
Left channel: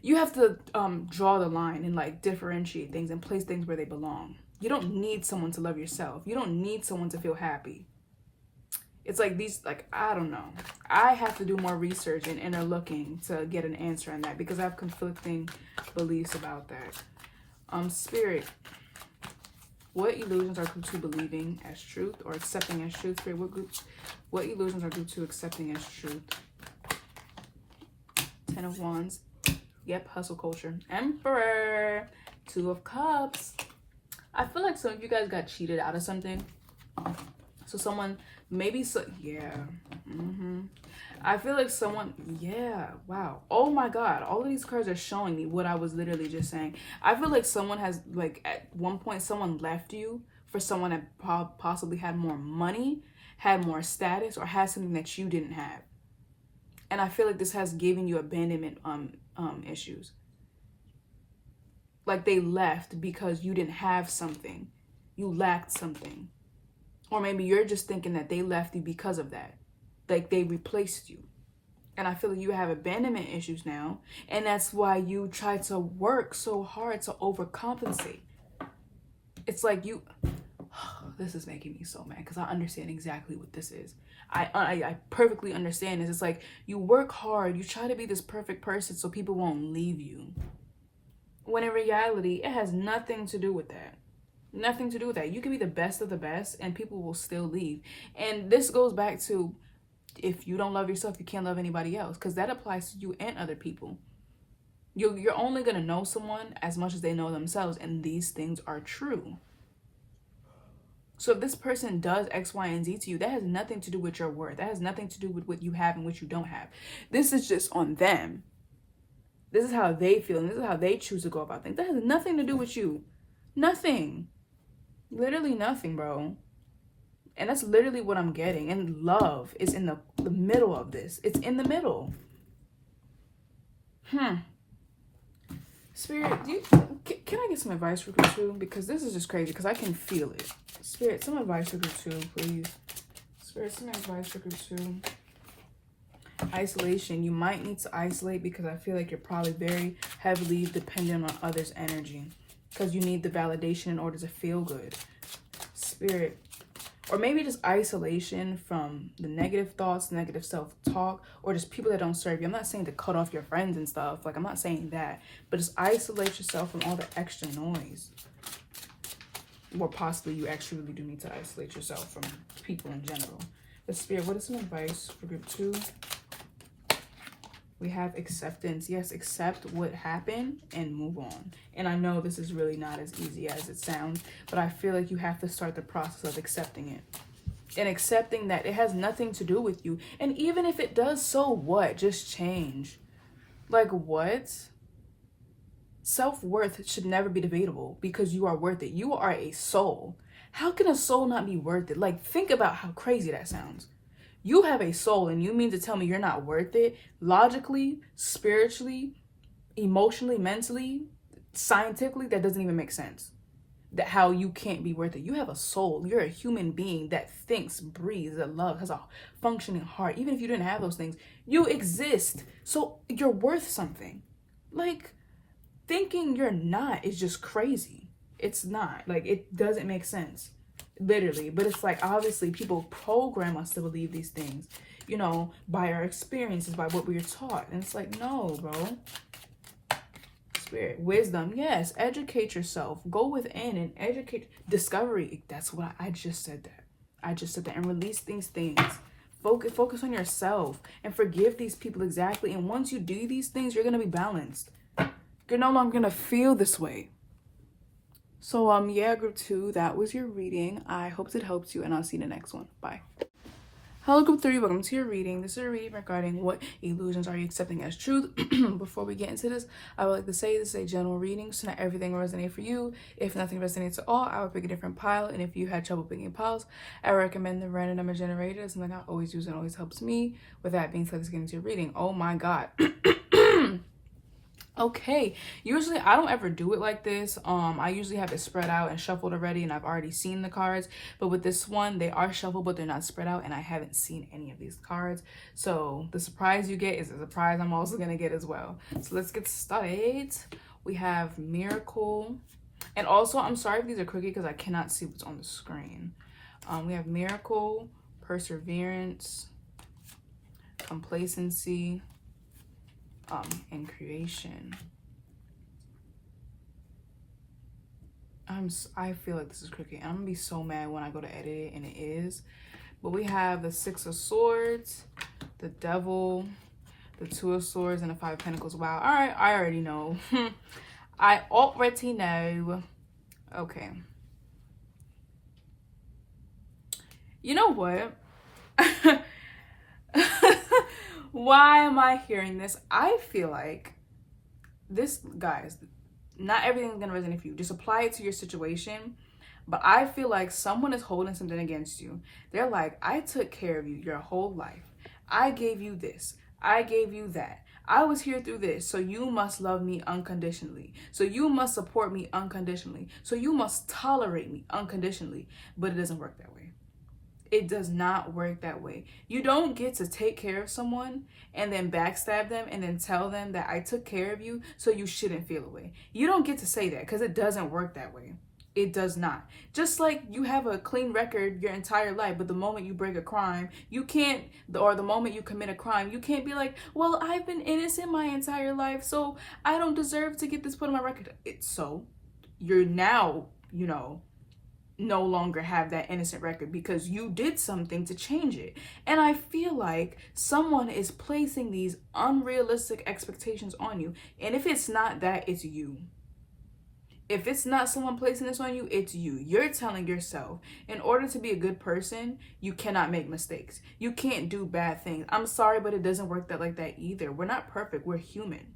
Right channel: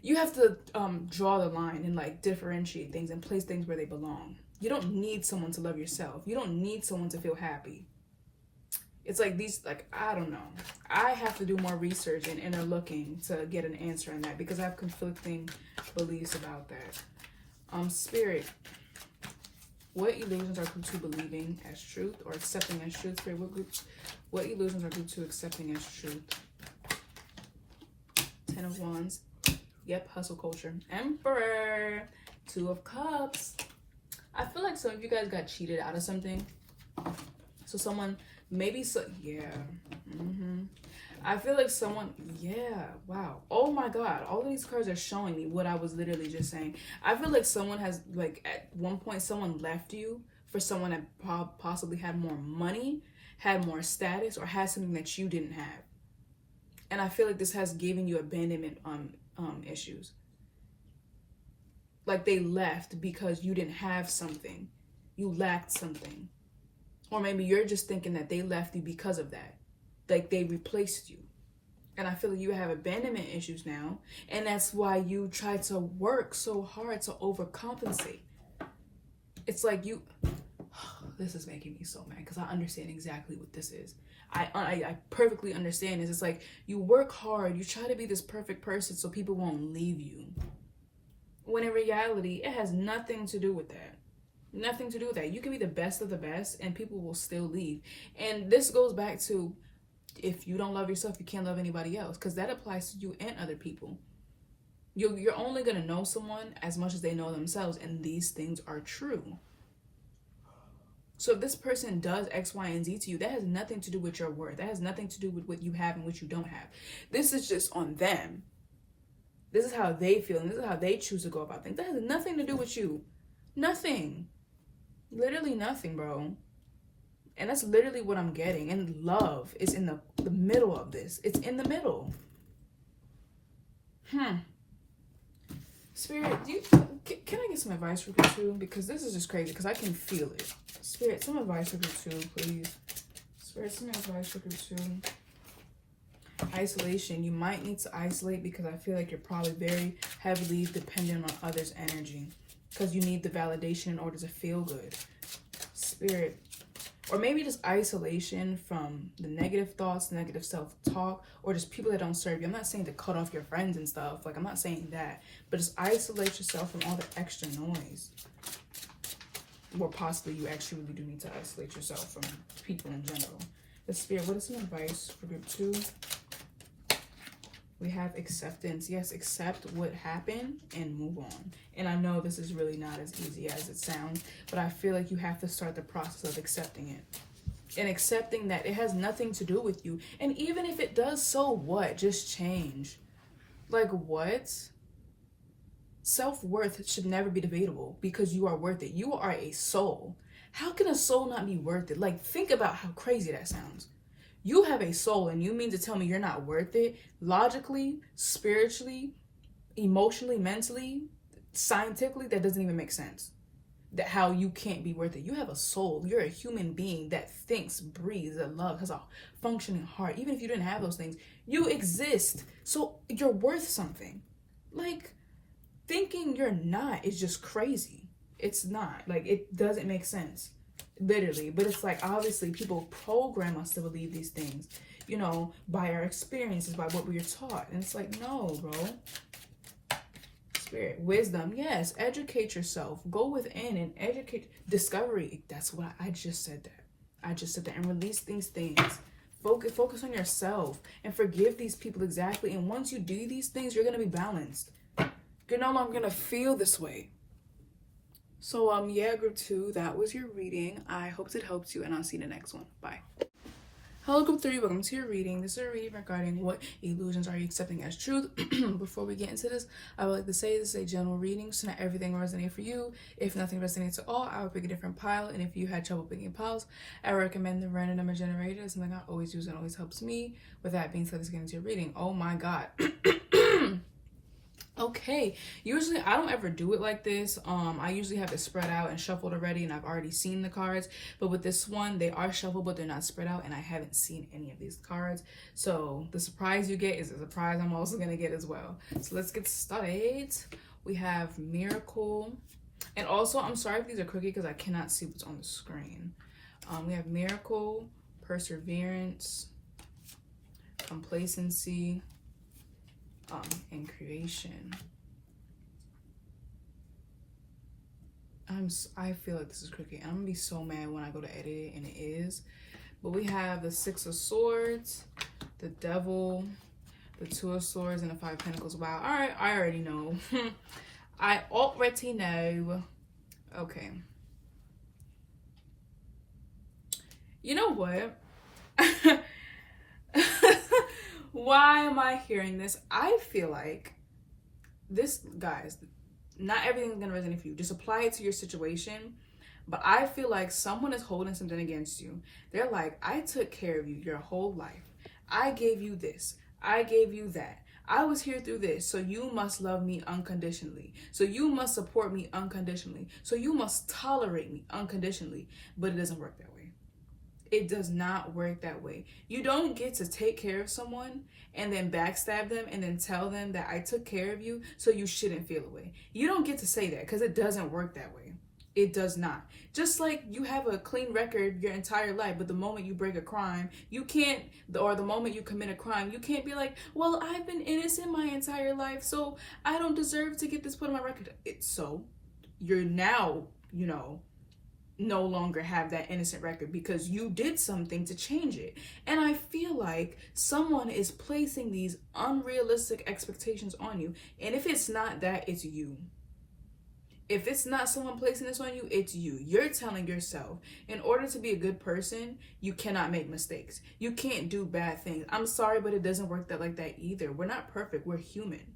you have to draw the line and like differentiate things and place things where they belong. You don't need someone to love yourself. You don't need someone to feel happy. It's like these, like, I don't know. I have to do more research and inner looking to get an answer on that, because I have conflicting beliefs about that. Spirit, what illusions are group 2 believing as truth or accepting as truth? Spirit, what illusions are group 2 accepting as truth? 10 of Wands. Yep, hustle culture. Emperor. 2 of Cups. I feel like some of you guys got cheated out of something. So someone... Maybe so, yeah. I feel like someone, yeah, wow. Oh my God. All of these cards are showing me what I was literally just saying. I feel like someone has, like, at one point, someone left you for someone that possibly had more money, had more status, or had something that you didn't have. And I feel like this has given you abandonment issues. Like they left because you didn't have something. You lacked something. Or maybe you're just thinking that they left you because of that. Like they replaced you. And I feel like you have abandonment issues now. And that's why you try to work so hard to overcompensate. It's like you... This is making me so mad because I understand exactly what this is. I perfectly understand this. It's like you work hard. You try to be this perfect person so people won't leave you. When in reality, it has nothing to do with that. Nothing to do with that. You can be the best of the best and people will still leave. And this goes back to, if you don't love yourself, you can't love anybody else, because that applies to you and other people. You're only going to know someone as much as they know themselves, and these things are true. So if this person does X, Y, and Z to you, that has nothing to do with your worth. That has nothing to do with what you have and what you don't have. This is just on them. This is how they feel, and this is how they choose to go about things. That has nothing to do with you. Nothing. Literally nothing, bro. And that's literally what I'm getting. And love is in the middle of this. It's in the middle. Spirit, can I get some advice for you too? Because this is just crazy, because I can feel it. Spirit, some advice for you too, please. Spirit, some advice for you too. Isolation. You might need to isolate because I feel like you're probably very heavily dependent on others' energy, because you need the validation in order to feel good. Spirit. Or maybe just isolation from the negative thoughts, negative self-talk, or just people that don't serve you. I'm not saying to cut off your friends and stuff. Like, I'm not saying that. But just isolate yourself from all the extra noise. Or possibly you actually really do need to isolate yourself from people in general. But Spirit, what is some advice for group 2? We have acceptance. Yes, accept what happened and move on. And I know this is really not as easy as it sounds, but I feel like you have to start the process of accepting it. And accepting that it has nothing to do with you. And even if it does, so what? Just change. Like, what? Self-worth should never be debatable, because you are worth it. You are a soul. How can a soul not be worth it? Like, think about how crazy that sounds. You have a soul, and you mean to tell me you're not worth it? Logically, spiritually, emotionally, mentally, scientifically, that doesn't even make sense. That how you can't be worth it. You have a soul. You're a human being that thinks, breathes, that loves, has a functioning heart. Even if you didn't have those things, you exist. So you're worth something. Like, thinking you're not is just crazy. It's not. Like, it doesn't make sense. Literally. But it's like, obviously people program us to believe these things, you know, by our experiences, by what we are taught. And it's like, no, bro. Spirit, wisdom, yes, educate yourself. Go within and educate. Discovery, that's what I just said that. I just said that. And release these things. Focus on yourself and forgive these people exactly. And once you do these things, you're going to be balanced. You're no longer going to feel this way. So, yeah, group 2, that was your reading. I hope it helps you, and I'll see you in the next one. Bye. Hello, group 3, welcome to your reading. This is a reading regarding what illusions are you accepting as truth. Before we get into this, I would like to say this is a general reading, so not everything will resonate for you. If nothing resonates at all, I would pick a different pile, and if you had trouble picking piles, I recommend the random number generator. It's something I always use and always helps me. With that being said, let's get into your reading. Oh my God. Okay, usually I don't ever do it like this. I usually have it spread out and shuffled already, and I've already seen the cards. But with this one, they are shuffled, but they're not spread out, and I haven't seen any of these cards. So the surprise you get is a surprise I'm also gonna get as well. So let's get started. We have Miracle, and also I'm sorry if these are crooked because I cannot see what's on the screen. We have Miracle, Perseverance, Complacency, and Creation. I feel like this is crooked. I'm gonna be so mad when I go to edit it, and it is. But we have the 6 of Swords, the Devil, the 2 of Swords, and the 5 of Pentacles. Wow. All right, I already know. I already know. Okay. You know what? Why am I hearing this? I feel like this, guys, not everything's gonna resonate for you. Just apply it to your situation. But I feel like someone is holding something against you. They're like, I took care of you your whole life. I gave you this. I gave you that. I was here through this, so you must love me unconditionally. So you must support me unconditionally. So you must tolerate me unconditionally. But it doesn't work that way. It does not work that way. You don't get to take care of someone and then backstab them and then tell them that I took care of you, so you shouldn't feel away. You don't get to say that, because it doesn't work that way. It does not. Just like you have a clean record your entire life, but the moment you break a crime, you can't, or the moment you commit a crime, you can't be like, well, I've been innocent my entire life, so I don't deserve to get this put on my record. So you're now, no longer have that innocent record because you did something to change it. And I feel like someone is placing these unrealistic expectations on you. And if it's not that, it's you. If it's not someone placing this on you, it's you. You're telling yourself, in order to be a good person, you cannot make mistakes. You can't do bad things. I'm sorry, but it doesn't work like that either. We're not perfect. We're human.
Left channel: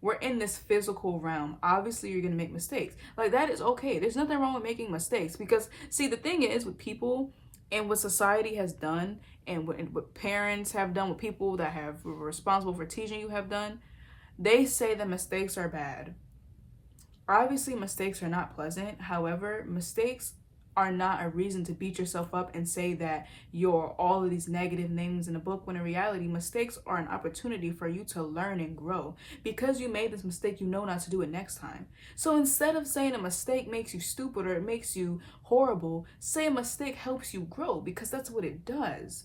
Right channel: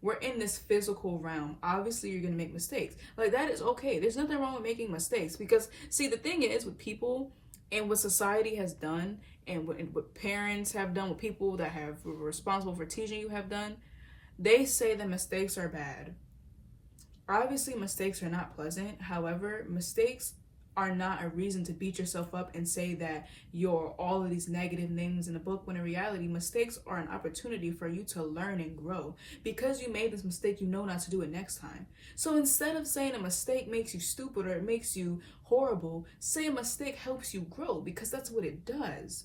We're in this physical realm. Obviously, you're going to make mistakes. Like, that is okay. There's nothing wrong with making mistakes. Because, see, the thing is, with people and what society has done and what parents have done, with people that were responsible for teaching you have done, they say that mistakes are bad. Obviously, mistakes are not pleasant. However, mistakes are not a reason to beat yourself up and say that you're all of these negative names in the book, when in reality, mistakes are an opportunity for you to learn and grow. Because you made this mistake, you know not to do it next time. So instead of saying a mistake makes you stupid or it makes you horrible, say a mistake helps you grow, because that's what it does.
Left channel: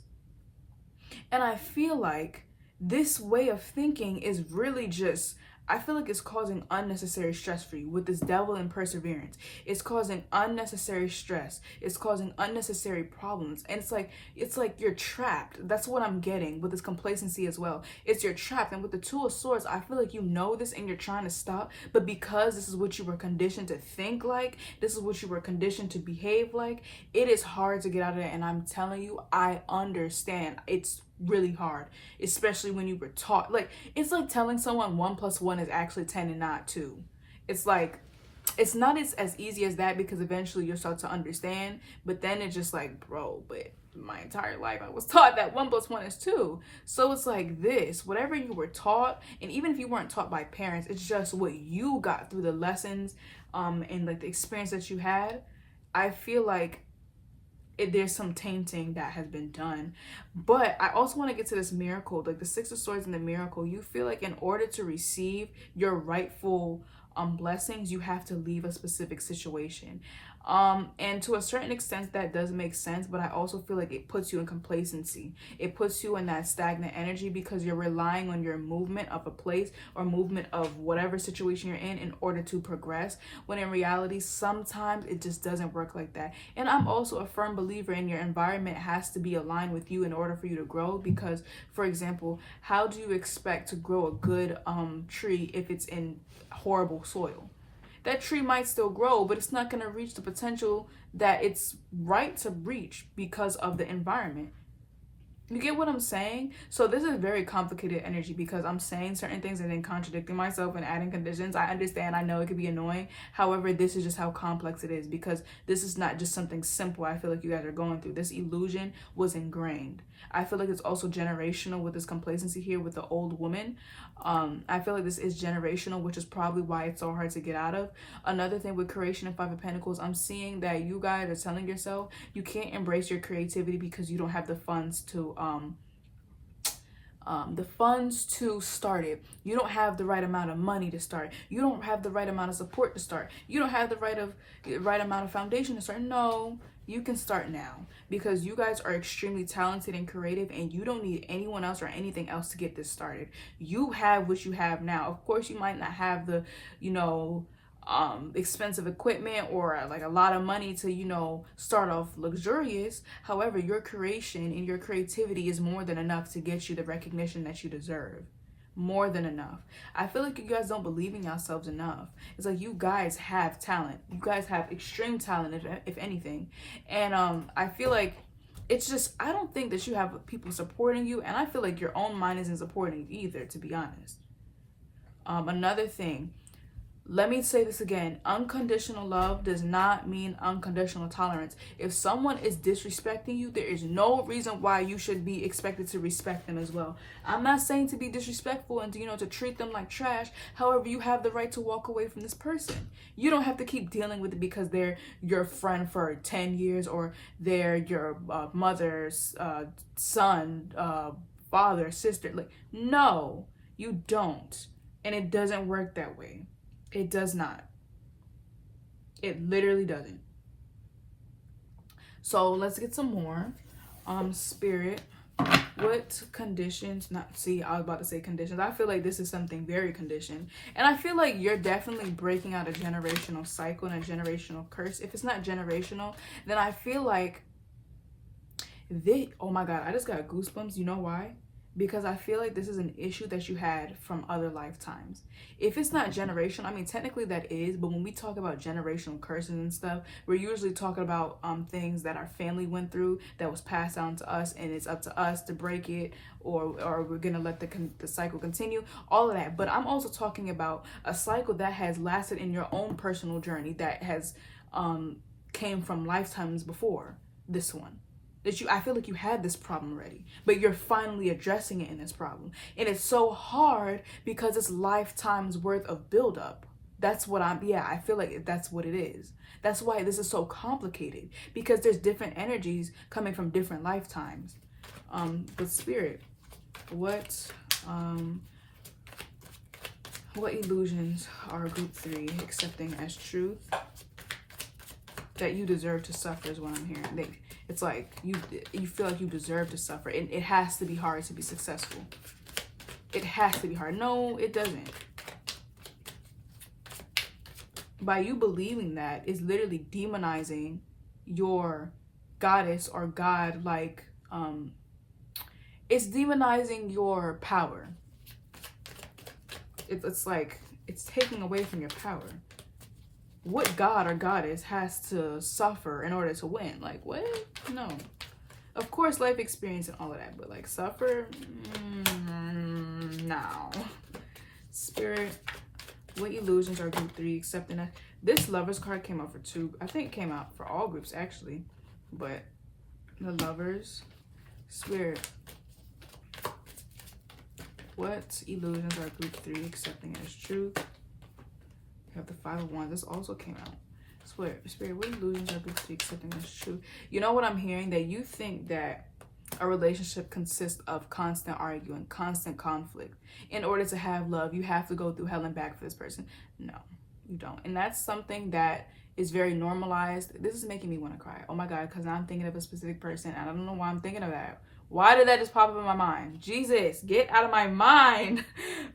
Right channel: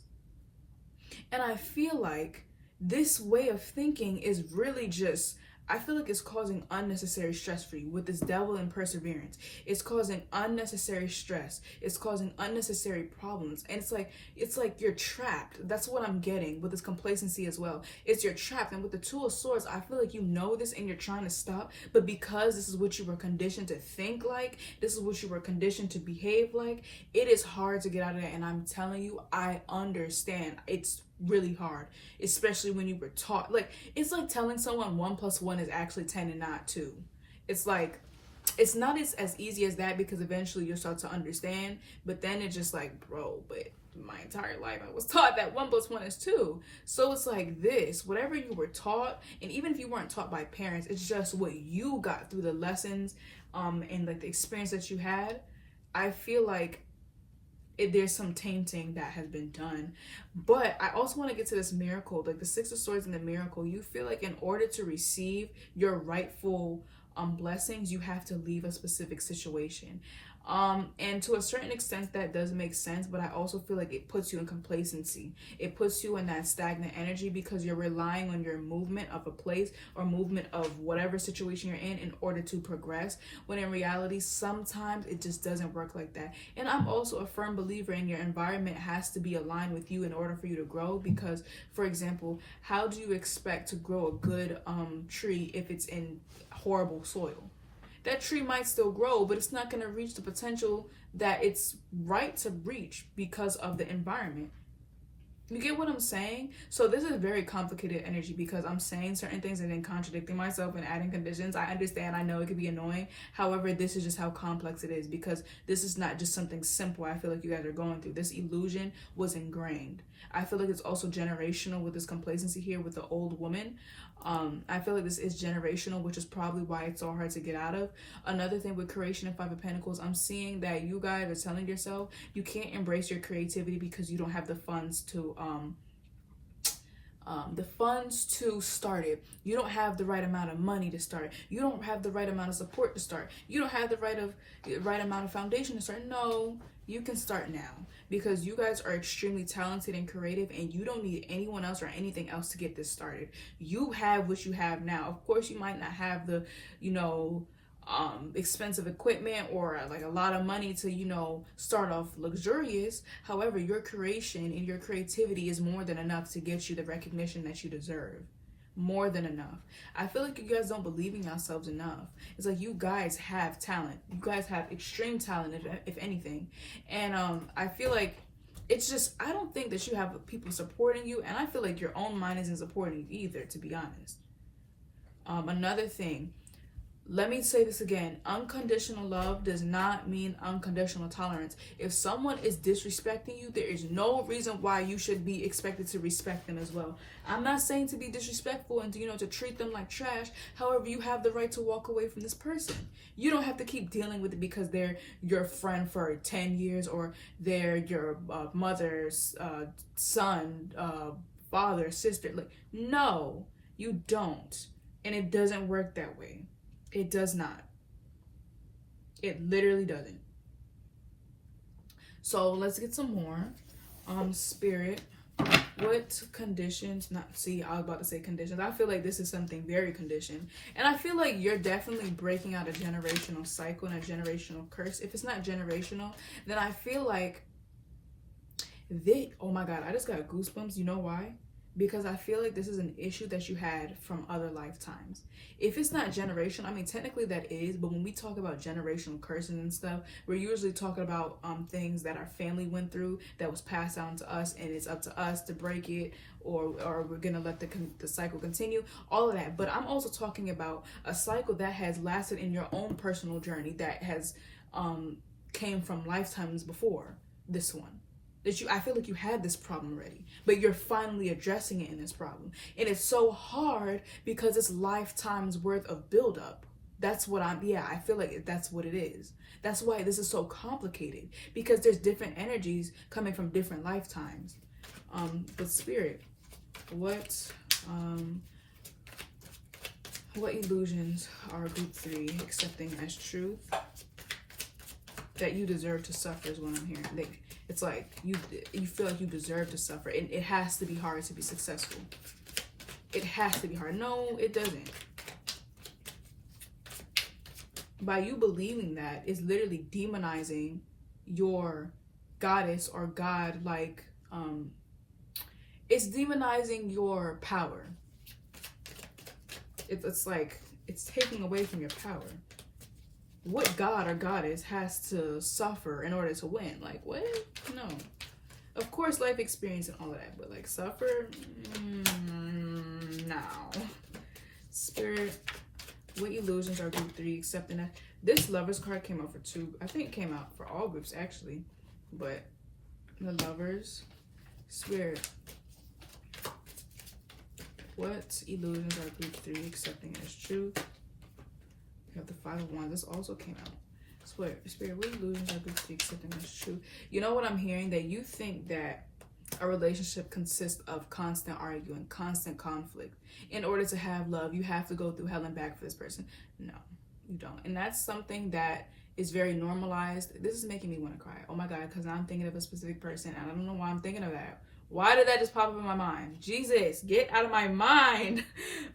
And I feel like this way of thinking is really just, I feel like it's causing unnecessary stress for you with this devil and perseverance. It's causing unnecessary stress. It's causing unnecessary problems. And it's like you're trapped. That's what I'm getting with this complacency as well. It's you're trapped. And with the Two of Swords, I feel like you know this and you're trying to stop. But because this is what you were conditioned to think like, this is what you were conditioned to behave like, it is hard to get out of there. And I'm telling you, I understand. It's really hard, especially when you were taught, like, it's like telling someone 1 + 1 is actually 10 and not 2. It's like, it's not as easy as that, because eventually you'll start to understand, but then it's just like, bro, but my entire life I was taught that 1 + 1 is 2. So it's like this, whatever you were taught, and even if you weren't taught by parents, it's just what you got through the lessons and like the experience that you had. I feel like there's some tainting that has been done. But I also want to get to this miracle, like the Six of Swords and the miracle. You feel like in order to receive your rightful blessings, you have to leave a specific situation. And to a certain extent that does make sense, but I also feel like it puts you in complacency. It puts you in that stagnant energy because you're relying on your movement of a place or movement of whatever situation you're in order to progress, when in reality sometimes it just doesn't work like that. And I'm also a firm believer in your environment has to be aligned with you in order for you to grow, because, for example, how do you expect to grow a good tree if it's in horrible soil? That tree might still grow, but it's not going to reach the potential that it's right to reach because of the environment. You get what I'm saying? So this is very complicated energy, because I'm saying certain things and then contradicting myself and adding conditions. I understand. I know it could be annoying. However, this is just how complex it is, because this is not just something simple I feel like you guys are going through. This illusion was ingrained. I feel like it's also generational with this complacency here with the old woman. I feel like this is generational, which is probably why it's so hard to get out of. Another thing with creation and Five of Pentacles, I'm seeing that you guys are telling yourself you can't embrace your creativity because you don't have the funds to start it. You don't have the right amount of money to start. You don't have the right amount of support to start. You don't have the right amount of foundation to start. No, you can start now, because you guys are extremely talented and creative, and you don't need anyone else or anything else to get this started. You have what you have now. Of course, you might not have the, expensive equipment or like a lot of money to, start off luxurious. However, your creation and your creativity is more than enough to get you the recognition that you deserve. More than enough. I feel like you guys don't believe in yourselves enough. It's like you guys have talent. You guys have extreme talent, if anything. And I feel like it's just, I don't think that you have people supporting you, and I feel like your own mind isn't supporting you either, to be honest. Another thing, let me say this again. Unconditional love does not mean unconditional tolerance. If someone is disrespecting you, there is no reason why you should be expected to respect them as well. I'm not saying to be disrespectful and to, to treat them like trash. However, you have the right to walk away from this person. You don't have to keep dealing with it because they're your friend for 10 years or they're your mother's son, father, sister. Like, no, you don't. And it doesn't work that way. It does not. It literally doesn't. So let's get some more. Spirit, what conditions, I was about to say conditions. I feel like this is something very conditioned. And I feel like you're definitely breaking out a generational cycle and a generational curse. If it's not generational, then I feel like oh my God, I just got goosebumps. You know why? Because I feel like this is an issue that you had from other lifetimes. If it's not generational, I mean, technically that is, but when we talk about generational curses and stuff, we're usually talking about things that our family went through that was passed down to us, and it's up to us to break it, or we're gonna let the cycle continue, all of that. But I'm also talking about a cycle that has lasted in your own personal journey that has came from lifetimes before this one. I feel like you had this problem already, but you're finally addressing it in this problem. And it's so hard because it's lifetimes worth of buildup. That's what I feel like that's what it is. That's why this is so complicated, because there's different energies coming from different lifetimes. But Spirit, what illusions are group 3 accepting as truth that you deserve to suffer is what I'm hearing. It's like you feel like you deserve to suffer. It has to be hard to be successful. It has to be hard. No, it doesn't. By you believing that, it's literally demonizing your goddess or god. Like, it's demonizing your power. It's like it's taking away from your power. What god or goddess has to suffer in order to win? Like, what? No. Of course, life experience and all of that, but like suffer? No. Spirit, what illusions are group 3 accepting that? This Lovers card came out for 2. I think it came out for all groups actually, but the Lovers. Spirit, what illusions are group 3 accepting as truth? You have the 5 of Wands. This also came out. Spirit, what illusions are group 3 accepting as true? You know what I'm hearing? That you think that a relationship consists of constant arguing, constant conflict. In order to have love, you have to go through hell and back for this person. No, you don't. And that's something that is very normalized. This is making me want to cry. Oh my God, because now I'm thinking of a specific person. I don't know why I'm thinking of that. Why did that just pop up in my mind? Jesus, get out of my mind.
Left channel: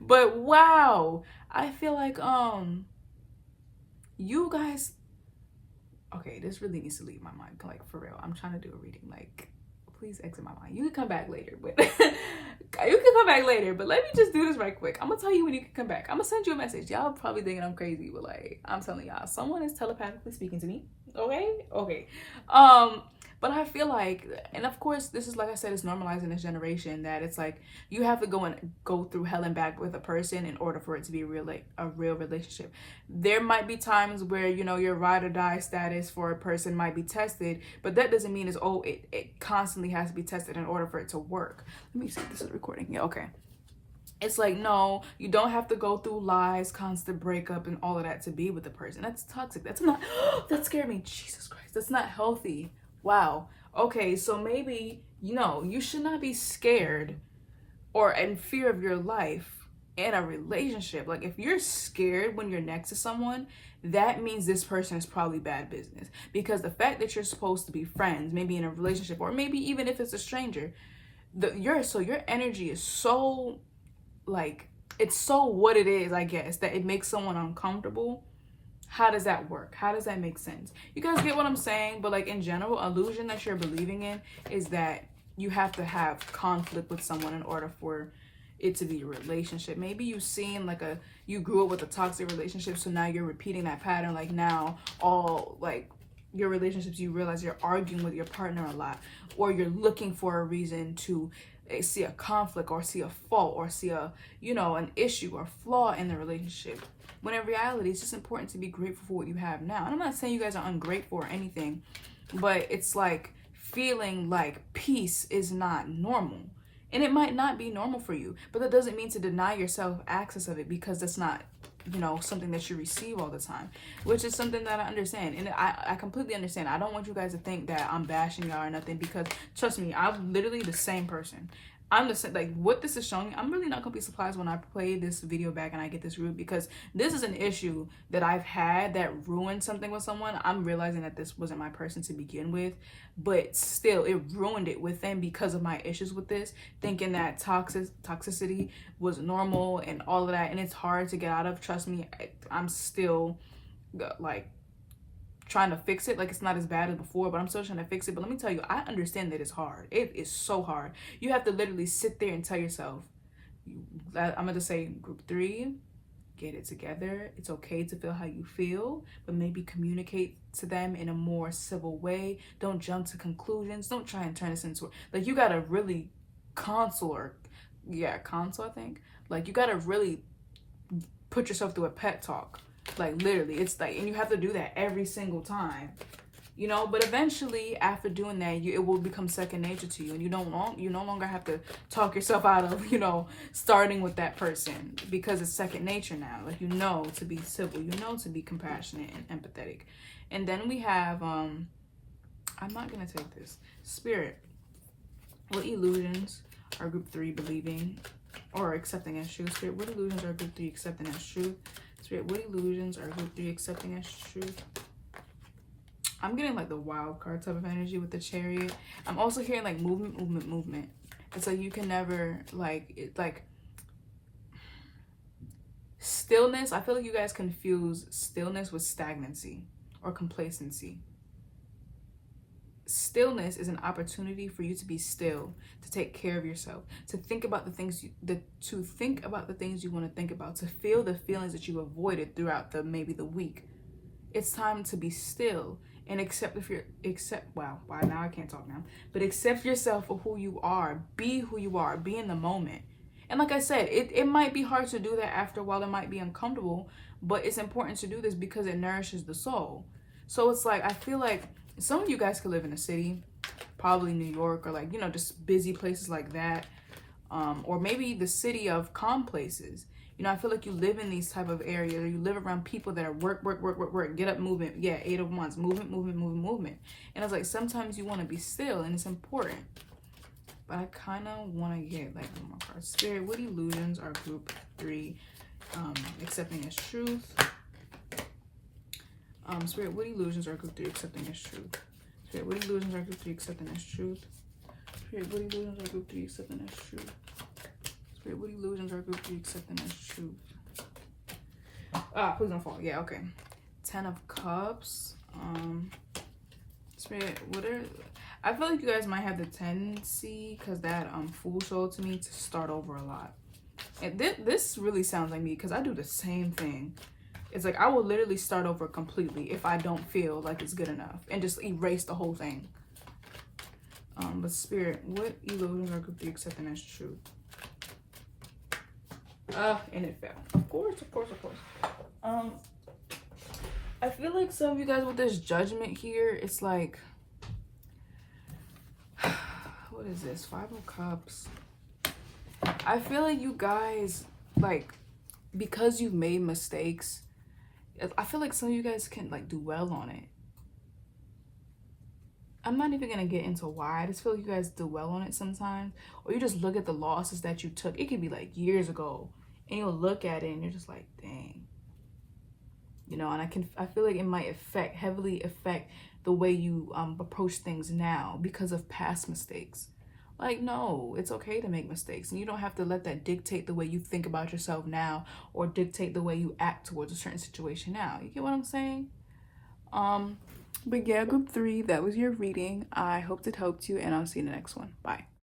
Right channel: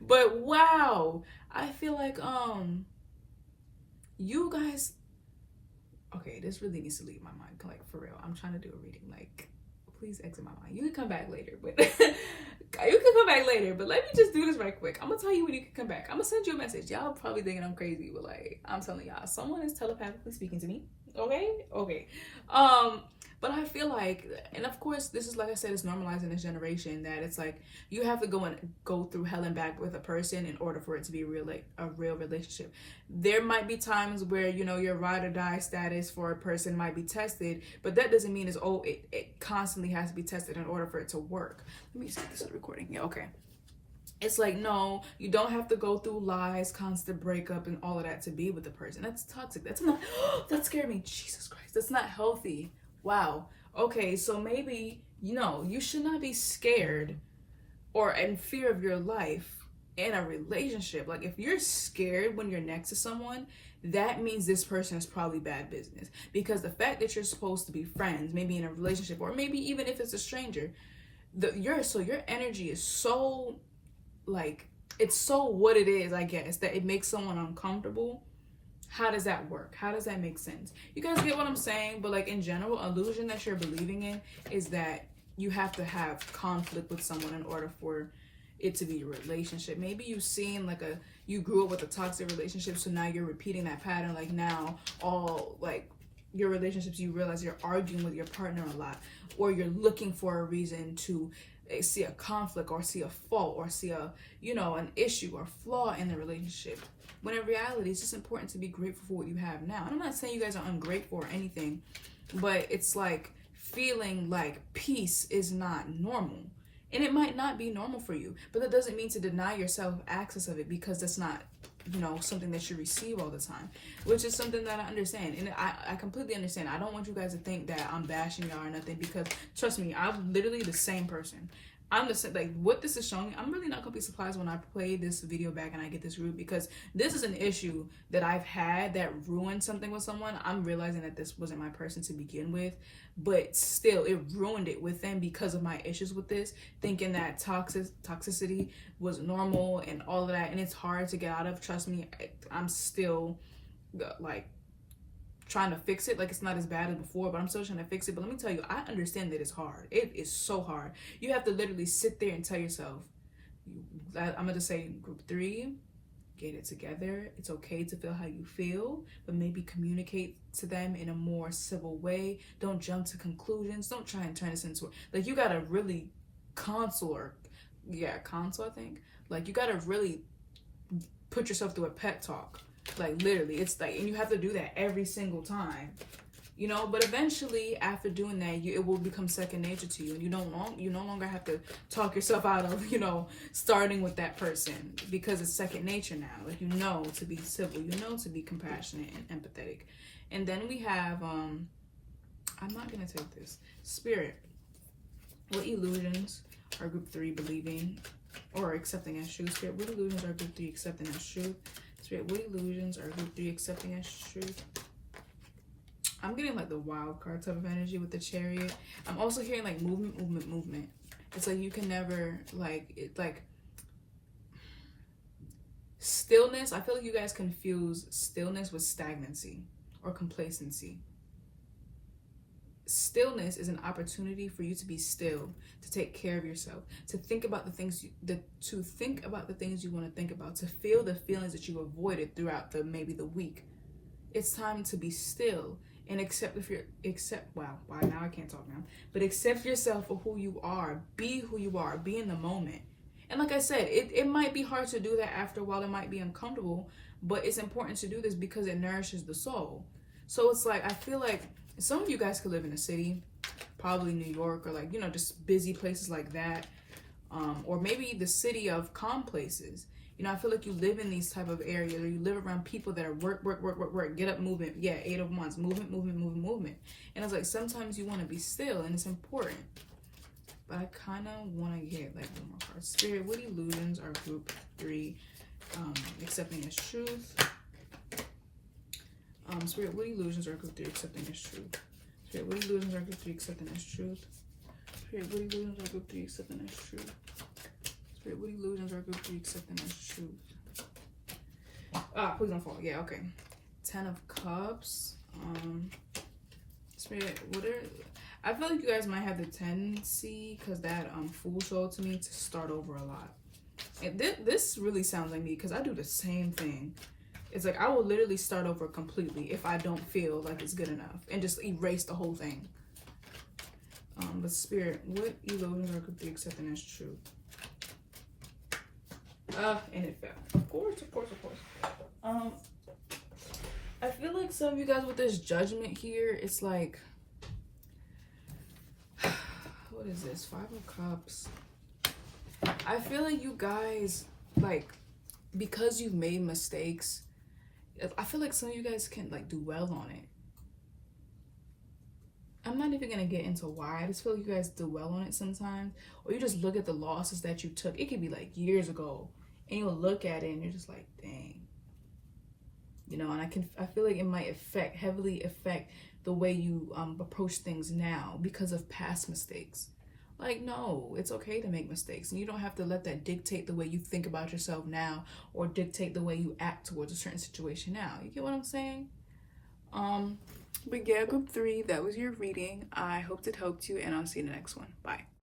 But wow, I feel like you guys, okay, this really needs to leave my mind. Like, for real, I'm trying to do a reading. Like, please exit my mind. You can come back later, but let me just do this right quick. I'm gonna tell you when you can come back. I'm gonna send you a message. Y'all probably thinking I'm crazy, but like, I'm telling y'all, someone is telepathically speaking to me. Okay. But I feel like, and of course, this is, like I said, it's normalized in this generation that it's like you have to go through hell and back with a person in order for it to be a real relationship. There might be times where, your ride or die status for a person might be tested, but that doesn't mean it constantly has to be tested in order for it to work. Let me see if this is recording. Yeah, okay. It's like, no, you don't have to go through lies, constant breakup, and all of that to be with the person. That's toxic. That's not, that scared me. Jesus Christ. That's not healthy. Wow. Okay, so maybe, you should not be scared or in fear of your life in a relationship. Like, if you're scared when you're next to someone, that means this person is probably bad business. Because the fact that you're supposed to be friends, maybe in a relationship, or maybe even if it's a stranger, your energy is so, like, it's so what it is, I guess, that it makes someone uncomfortable. How does that work? How does that make sense? You guys get what I'm saying? But like, in general, illusion that you're believing in is that you have to have conflict with someone in order for it to be a relationship. Maybe you've seen you grew up with a toxic relationship, so now you're repeating that pattern. Like, now your relationships, you realize you're arguing with your partner a lot, or you're looking for a reason to see a conflict or see a fault or see a, you know, an issue or flaw in the relationship. When in reality, it's just important to be grateful for what you have now. And I'm not saying you guys are ungrateful or anything, but it's like feeling like peace is not normal. And it might not be normal for you, but that doesn't mean to deny yourself access of it, because that's not, you know, something that you receive all the time, which is something that I understand. And I completely understand. I don't want you guys to think that I'm bashing y'all or nothing, because trust me, I'm literally the same person. I'm the same, like what this is showing, I'm really not gonna be surprised when I play this video back and I get this root, because this is an issue that I've had that ruined something with someone. I'm realizing that this wasn't my person to begin with, but still it ruined it within because of my issues with this, thinking that toxicity was normal and all of that, and it's hard to get out of. Trust me, I'm still like trying to fix it. Like, it's not as bad as before, but I'm still trying to fix it. But let me tell you, I understand that it's hard. It is so hard. You have to literally sit there and tell yourself, I'm going to say group 3, get it together. It's okay to feel how you feel, but maybe communicate to them in a more civil way. Don't jump to conclusions. Don't try and turn this into, like, you got to really console, I think. Like, you got to really put yourself through a pep talk. Like, literally, it's like, and you have to do that every single time, you know. But eventually, after doing that, it will become second nature to you, and you no longer have to talk yourself out of, you know, starting with that person, because it's second nature now. Like, you know to be civil, you know to be compassionate and empathetic. And then we have I'm not gonna take this. Spirit, what illusions are group 3 believing or accepting as truth? Spirit, what illusions are group 3 accepting as truth? Spirit, what illusions are group 3 accepting as truth? I'm getting like the wild card type of energy with the Chariot. I'm also hearing like movement. It's like you can never like stillness. I feel like you guys confuse stillness with stagnancy or complacency. Stillness is an opportunity for you to be still, to take care of yourself, to think about the things you want to think about, to feel the feelings that you avoided throughout maybe the week. It's time to be still and accept now I can't talk now. But accept yourself for who you are. Be who you are. Be in the moment. And like I said, it might be hard to do that after a while. It might be uncomfortable, but it's important to do this because it nourishes the soul. So it's like, I feel like some of you guys could live in a city, probably New York, or like, you know, just busy places like that. Or maybe the city of calm places. You know, I feel like you live in these type of areas, or you live around people that are work, get up, movement. Yeah, 8 of Wands, movement. And it's like, sometimes you want to be still, and it's important. But I kind of want to get like one more card. Spirit, what illusions are group 3 accepting as truth? Spirit, what illusions are group 3 accepting as truth? Spirit, what illusions are group 3 accepting as truth? Spirit, what illusions are group 3 accepting as truth? Spirit, what illusions are group 3 accepting as truth? Please don't fall. Yeah, okay. 10 of Cups. Spirit, I feel like you guys might have the tendency, because that Fool showed to me, to start over a lot. And this really sounds like me, because I do the same thing. It's like, I will literally start over completely if I don't feel like it's good enough, and just erase the whole thing. But Spirit, what illusions are group 3 accepting as truth? And it fell. Of course. I feel like some of you guys with this Judgment here, it's like, what is this? 5 of Cups. I feel like you guys, like, because you've made mistakes, I feel like some of you guys can like dwell on it. I'm not even gonna get into why. I just feel like you guys dwell on it sometimes, or you just look at the losses that you took. It could be like years ago, and you'll look at it and you're just like, dang, you know. And I feel like it might heavily affect the way you approach things now because of past mistakes. Like, no, it's okay to make mistakes, and you don't have to let that dictate the way you think about yourself now, or dictate the way you act towards a certain situation now. You get what I'm saying? But yeah, group 3, that was your reading. I hope it helped you, and I'll see you in the next one. Bye.